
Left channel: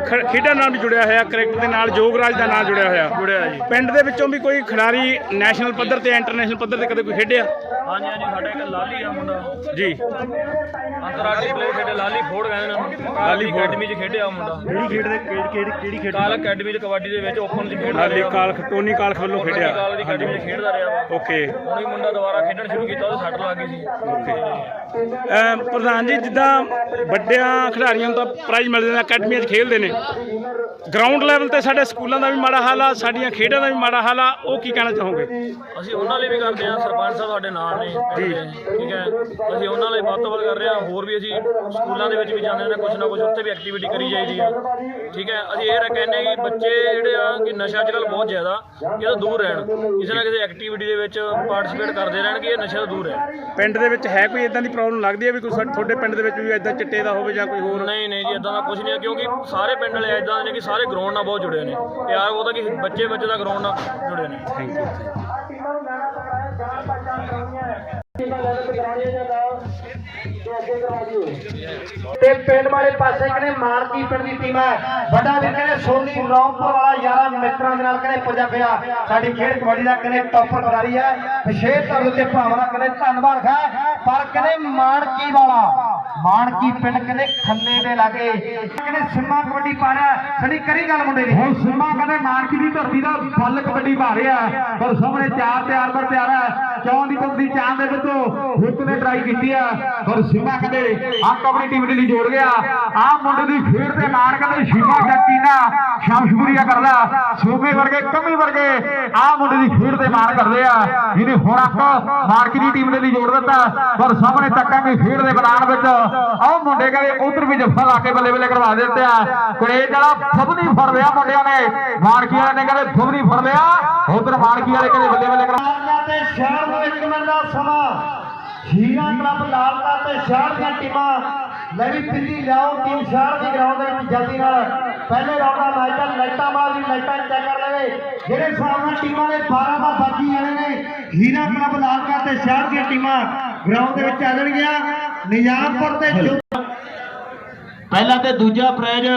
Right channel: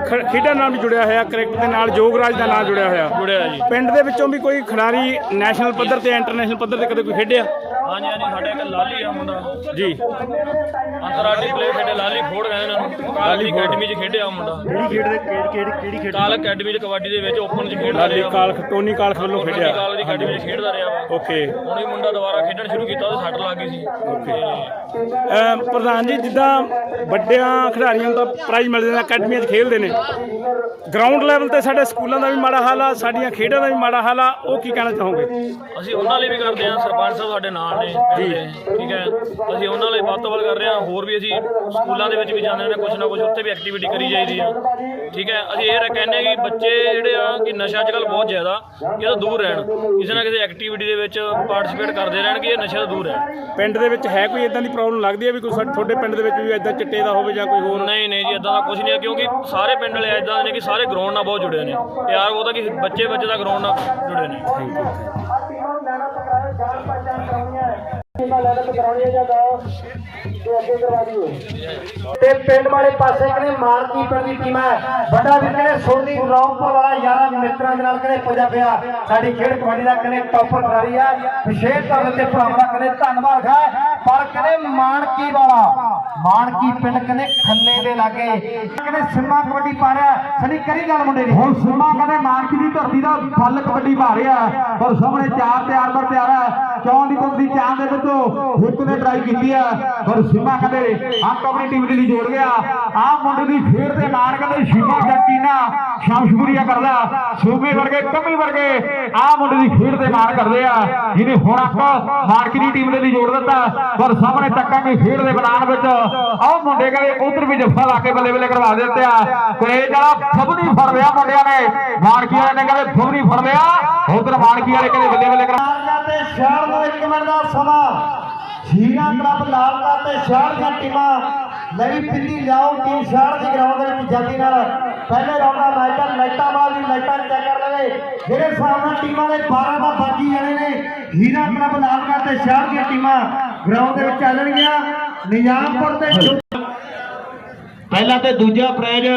ਖ- ਖੇਡਾਂ ਨਾਲ ਵੀ ਜੁੜਿਆ ਹੋਇਆ ਕ੍ਰਿਕਟ ਦੇ ਨਾਲ ਜੋਗਰਾਜ ਦਾ ਨਾਲ ਜੁੜਿਆ ਹੋਇਆ। ਜੁੜਿਆ ਜੀ। ਪਿੰਡ ਦੇ ਵਿੱਚੋਂ ਵੀ ਕੋਈ ਖਿਡਾਰੀ ਨੈਸ਼ਨਲ ਪੱਧਰ ਤੇ ਇੰਟਰਨੈਸ਼ਨਲ ਪੱਧਰ ਤੇ ਕਦੇ ਕੋਈ ਖੇਡਿਆ? ਹਾਂਜੀ ਹਾਂਜੀ ਸਾਡਾ ਇੱਕ ਲਾਲੀ ਆ ਮੁੰਡਾ। ਜੀ। ਅੰਤਰਰਾਸ਼ਟਰੀ ਪਲੇਅਰ ਖੇਡੇ ਲਾਲੀ ਫੋੜ ਕਹਿੰਦੇ ਨੇ ਉਹਨੂੰ। ਲਾਲੀ ਅਕੈਡਮੀ 'ਚ ਖੇਡਿਆ ਮੁੰਡਾ। ਕਿਹੜੀ ਖੇਡ ਦੇ ਕਿਹੜੀ ਕਿਹੜੀ ਕਿਹੜੀ ਖੇਡ ਕਾਲ ਅਕੈਡਮੀ 'ਚ ਕਬੱਡੀ ਦੇ ਵਿੱਚ ਓਪਨ 'ਚ ਖੇਡਦਾ ਲਾਲੀ ਰਿਹਾ ਕਾਲਖ ਟੋਨੀ ਕਾਲਖ ਵੱਲੋਂ ਖੇਡਿਆ। ਕਾਲ ਦੀ ਅਕੈਡਮੀ 'ਚ ਖੇਡਦਾ ਰਿਹਾ ਵਾ ਓਕੇ। ਹੁਣ ਹੀ ਮੁੰਡਾ ਦੁਬਾਰਾ ਖੇਡਣ ਸ਼ੁਰੂ ਕੀਤਾ ਉਹਦੇ ਸੱਟ ਲੱਗ ਗਈ ਸੀ। ਓਕੇ। ਪ੍ਰਧਾਨ ਜੀ ਜਿੱਦਾਂ ਵੱਡਿਆਂ ਖਿਡਾਰੀਆਂ ਨੂੰ ਤਾਂ ਪ੍ਰਾਈਜ਼ ਮਿਲਦੇ ਨੇ ਅਕੈਡਮੀਆਂ 'ਚ ਖੇਡਦੇ ਨੇ। ਗਰਾਊਂਡ ਲੈਵਲ ਤੇ ਸਾਡੇ ਸਕੂਲਾਂ ਦਾ ਵੀ ਮਾੜਾ ਹਾਲ ਆ ਸਾਡੀਆਂ ਖੇਡਾਂ ਦਾ ਵੀ ਮਾੜਾ ਹਾਲ ਆ ਉਹ ਕੀ ਕਹਿਣਾ ਚਾਹੋਗੇ? ਅਸੀਂ ਉਹਨਾਂ ਲਈ ਵੀ ਕਰਦੇ ਹਾਂ ਸਰਪੰਚ ਸਾਹਿਬ ਸਾਡੇ ਨਾਲ ਨੇ ਦੇ, ਠੀਕ ਹੈ। ਅਸੀਂ ਉਹਨਾਂ ਲਈ ਵੱਧ ਤੋਂ ਵੱਧ ਕਰ ਰਹੇ ਹਾਂ ਹੋਰ ਵੀ ਅਸੀਂ ਸਕੂਲਾਂ ਦੇ ਵਿੱਚ ਵੀ ਜਾਂਦੇ ਨੇ ਕੁਝ ਨਾ ਕੁਝ ਉੱਥੇ ਵੀ ਐਕਟੀਵਿਟੀ ਕਰੀ ਜਾਈਦੀ ਆ। ਠੀਕ ਹੈ ਅਸੀਂ ਇਹ ਕਹਿੰਦੇ ਹਾਂ ਕਿ ਬੱਚੇ ਜਿਹੜੇ ਆ ਕਿ ਨਸ਼ਾ ਅੱਜ ਕੱਲ੍ਹ ਬਹੁਤ ਜ਼ਿਆਦਾ ਇਹ ਤੋਂ ਦੂਰ ਰਹਿਣ। ਕਿਸੇ ਨਾ ਕਿਸੇ ਐਕਟੀਵਿਟੀ ਦੇ ਵਿੱਚ ਪਾਰਟਿਸਿਪੇਟ ਕਰਦੇ ਰਹਿਣ ਕਿ ਇਹ ਨਸ਼ੇ ਤੋਂ ਦੂਰ ਰਹਿਣ। ਪਿੰਡ ਦੇ ਵਿੱਚ ਹੈ ਕੋਈ ਇਦਾਂ ਦੀ ਪ੍ਰੋਬਲਮ ਲੱਗਦੀ ਹੈ ਵੀ ਕੋਈ ਤੁਹਾਡੇ ਪਿੰਡ ਦੇ ਵਿੱਚ ਵੀ ਇਦਾਂ ਚਿੱਟੇ ਦਾ ਹੋਵੇ ਜਾਂ ਕੋਈ ਹੋਰ? ਨਹੀਂ ਨਹੀਂ ਜੀ ਇਦਾਂ ਦਾ ਕੁਝ ਨਹੀਂ ਹੈ ਕਿਉਂਕਿ ਸਾਰੇ ਪਿੰਡ ਵਾਲੇ ਇਦਾਂ ਦੇ ਨੇ ਕਿ ਸਾਰੇ ਗਰਾਊਂਡ ਨਾਲ ਬਹੁਤ ਜੁੜੇ ਨੇ। ਪਿਆਰ ਉਹਦਾ ਕਿ ਬੱਚੇ ਬੱਚੇ ਦਾ ਗਰਾਊਂਡ ਨਾਲ ਜੁੜੇ ਨੇ। ਥੈਂਕ ਯੂ ਤੇ ਪਿੰਡ ਵਾਲੇ ਪਾਸੇ ਕਹਿੰਦੇ ਮਾਰਕੀ ਪਿੰਡ ਦੀ ਟੀਮ ਹੈ? ਵੱਡਾ ਵੀਰ ਕਹਿੰਦੇ ਸੋਨੀ ਰੌਂਪੁਰ ਵਾਲਾ ਯਾਰਾਂ ਮਿੱਤਰਾਂ ਦੇ ਨਾਲ ਕਹਿੰਦੇ ਪੁੱਜਾ ਪਿਆ? ਸਾਡੀ ਖੇਡ ਕਬੱਡੀ ਦਾ ਕਹਿੰਦੇ ਟੌਪਰ ਖਿਡਾਰੀ ਹੈ। ਵਿਸ਼ੇਸ਼ ਤੌਰ ਤੇ ਭਰਾਵਾਂ ਦਾ ਕਹਿੰਦੇ ਧੰਨਵਾਦ ਹੈ। ਪਰ ਕਹਿੰਦੇ ਮਾਨਕੀ ਵਾਲਾ ਮਾਨਕੀ ਪਿੰਡ ਕਹਿੰਦੇ ਖੰਨੇ ਦੇ ਲਾਗੇ। ਕਹਿੰਦੇ ਸਿੰਮਾ ਕਬੱਡੀ ਪਾ ਰਿਹਾ ਸਣੀ ਕਰੀ ਗੱਲ ਮੁੰਡੇ ਦੀ। ਹੁਣ ਸਿੰਮਾ ਕਹਿੰਦੇ ਮਾਨਕੀ ਦੀ ਧਰਤੀ ਦਾ ਫਲ ਕਬੱਡੀ ਪਾ ਰਿਹਾ। ਹੈ। ਪਰ ਸਾਹਮਣੇ ਚਾਰ ਤਿਆਰ ਪਰ ਤਿਆਰ ਹੈ। ਚੌਂ ਦੀ ਪੱਧਰ ਦੀ ਚਾਂਦ ਦੇ ਵਿੱਚੋਂ ਹਿੱਟ ਨੇ ਟਰਾਈ ਕੀਤੀ ਆ, ਪਰ ਸਿੰਮਾ ਕਹਿੰਦੇ ਆ ਕਬੱਡੀ ਟੀਮ ਦੇ ਲਈ ਜੋੜ ਗਿਆ। ਆ ਮੁੰਡੇ ਦੀ ਖੇਡ ਦੇ ਨਾਲ ਕਹਿੰਦੇ ਸ਼ਿਮਾ ਜੱਟੀ ਸ਼ਮਸ਼ਪੁਰੀਆ ਕਰਦਾ। ਸੂਬੇ ਵਰਗੇ, ਕਮੀ ਵਰਗੇ ਆ ਮੁੰਡੇ ਦੀ ਖੇਡ ਤੇ ਮਾਰ ਕਰਦੇ ਆ। ਜਿਹਨੇ ਹੁਣ ਆਪਾਂ ਮਾਰਕੀ ਦੀ ਟੀਮ ਦੇ ਲਈ ਜੋੜ ਦਿੱਤਾ, ਪਰ ਸਾਹਮਣੇ ਤੱਕਾਂਗੇ ਖੇਡ ਦੇ ਮੈਦਾਨ ਵਿੱਚ। ਆਹ ਮੁੰਡੇ ਕਹਿੰਦੇ ਉਧਰ ਵੀ ਜੱਫਾ ਲਾ ਕੇ ਬੱਲੇ ਬੱਲੇ ਕਰਵਾ ਦਿੱਤੇ ਆ। ਕੁਰੇਜ ਵਾਲਾ ਫਬਨੀ ਫੜ ਲਿਆ ਮੁੰਡਿਆਂ ਨੇ। ਮਾਨਕੀ ਵਾਲੇ ਨੇ ਕਹਿੰਦੇ ਫਬਨੀ ਫੜ ਲਿਆ। ਉਧਰ ਮਾਨਕੀ ਵਾਲੇ ਕਹਿੰਦੇ ਬੱਲੇ ਬੱਲੇ ਕਰਵਾ ਤੇ ਸ਼ਹਿਰ ਨੂੰ ਇੱਕ ਮਿੰਟ ਦਾ ਸਮਾਂ। ਹੀਰਾ ਕਲੱਬ ਲਾਲਕਾ ਤੇ ਸ਼ਹਿਰ ਦੀਆਂ ਟੀਮਾਂ। ਨਵੀਂ ਪਿੰਡੀ ਲਿਆਓ, ਟੀਮ ਸ਼ਹਿਰ ਦੀ ਗਰਾਊਂਡ ਦੇ ਵਿੱਚ ਜਲਦੀ ਨਾਲ। ਪਹਿਲੇ ਰਾਉਂਡ ਦਾ ਮੈਚ ਹੈ ਲਾਈਟਾਂ ਬਾਅਦ ਵੀ ਲਾਈਟਾਂ ਚੈੱਕ ਕਰ ਲਵੇ। ਜਿਹੜੇ ਹਿਸਾਬ ਨਾਲ ਟੀਮਾਂ ਦੇ 12 ਦਾ ਬਾਕੀ ਜਾਣੇ ਨੇ। ਹੀਰਾ ਕਲੱਬ ਲਾਲਕਾ ਤੇ ਸ਼ਹਿਰ ਦੀਆਂ ਟੀਮਾਂ ਗਰਾਊਂਡ ਦੇ ਵਿੱਚ ਚੱਲਣਗੀਆਂ। ਨਿਜ਼ਾਮਪੁਰ ਤੇ ਪਹਿਲਾ ਤੇ ਦੂਜਾ ਪ੍ਰਾਈਜ਼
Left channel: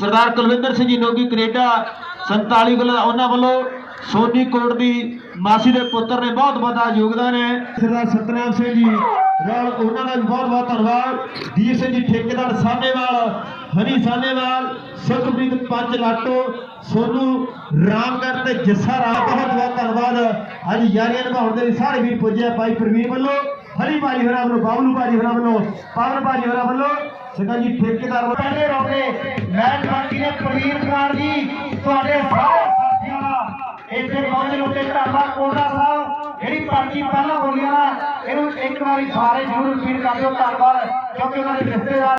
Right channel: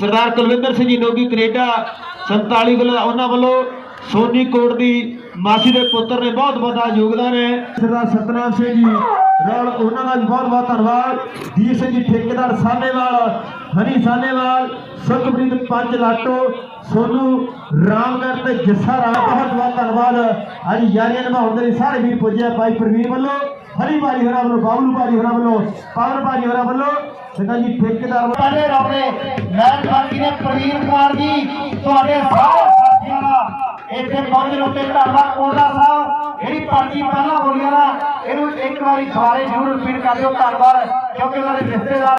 ਸਰਦਾਰ ਕੁਲਵਿੰਦਰ ਸਿੰਘ ਜੀ, ਨੋਗੀ ਕੈਨੇਡਾ 47 ਕਿਲੋ ਉਹਨਾਂ ਵੱਲੋਂ ਸੋਨੀ ਕੋਟ ਦੀ ਮਾਸੀ ਦੇ ਪੁੱਤਰ ਨੇ ਬਹੁਤ ਵੱਡਾ ਯੋਗਦਾਨ ਹੈ। ਸਰਦਾਰ ਸਤਨਾਮ ਸਿੰਘ ਜੀ ਨਾਲ ਉਹਨਾਂ ਦਾ ਵੀ ਬਹੁਤ ਬਹੁਤ ਧੰਨਵਾਦ। ਦੀਪ ਸਿੰਘ ਜੀ ਠੇਕੇਦਾਰ ਸਾਹਨੇਵਾਲ ਹਰੀ ਸਾਹਨੇਵਾਲ ਸੁਖਪ੍ਰੀਤ ਪੰਜ ਲਾਟੋ ਸੋਨੂ ਰਾਮਗੜ੍ਹ ਤੇ ਜੱਸਾ ਰਾਮ ਬਹੁਤ ਬਹੁਤ ਧੰਨਵਾਦ। ਅੱਜ ਯਾਰੀਆਂ ਨਿਭਾਉਣ ਦੇ ਲਈ ਸਾਰੇ ਵੀਰ ਪੁੱਜਿਆ ਭਾਈ ਪ੍ਰਵੀਨ ਵੱਲੋਂ। ਹਰੀ ਭਾਜੀ ਹੋਰਾਂ ਵੱਲੋਂ ਬਾਬਲੂ ਭਾਜੀ ਹੋਰਾਂ ਵੱਲੋਂ ਪਾਵਨ ਭਾਜੀ ਹੋਰਾਂ ਵੱਲੋਂ। ਸਿੰਘਾ ਜੀ ਠੇਕੇਦਾਰ ਵੱਲੋਂ ਰੱਬ ਨੇ ਮੈਂ ਬਾਕੀ ਨੇ ਪ੍ਰਵੀਨ ਕੁਮਾਰ ਜੀ ਤੁਹਾਡੇ ਸਾਰੇ ਇੱਥੇ ਪਹੁੰਚਣ ਉੱਤੇ ਧੰਨਵਾਦ ਕੋਲਦਾ ਸਾਹਿਬ ਜਿਹੜੀ ਪਾਰਟੀ ਪਹਿਲਾਂ ਬੋਲੀਆਂ ਨਾ ਇਹਨੂੰ ਇੱਕ ਵਾਰੀ ਦੁਬਾਰੇ ਜ਼ਰੂਰ ਰਿਪੀਟ ਕਰ ਦਿਓ। ਧੰਨਵਾਦ। ਕਿਉਂਕਿ ਉਹਨਾਂ ਦੇ ਰਿਸ਼ਤੇਦਾਰ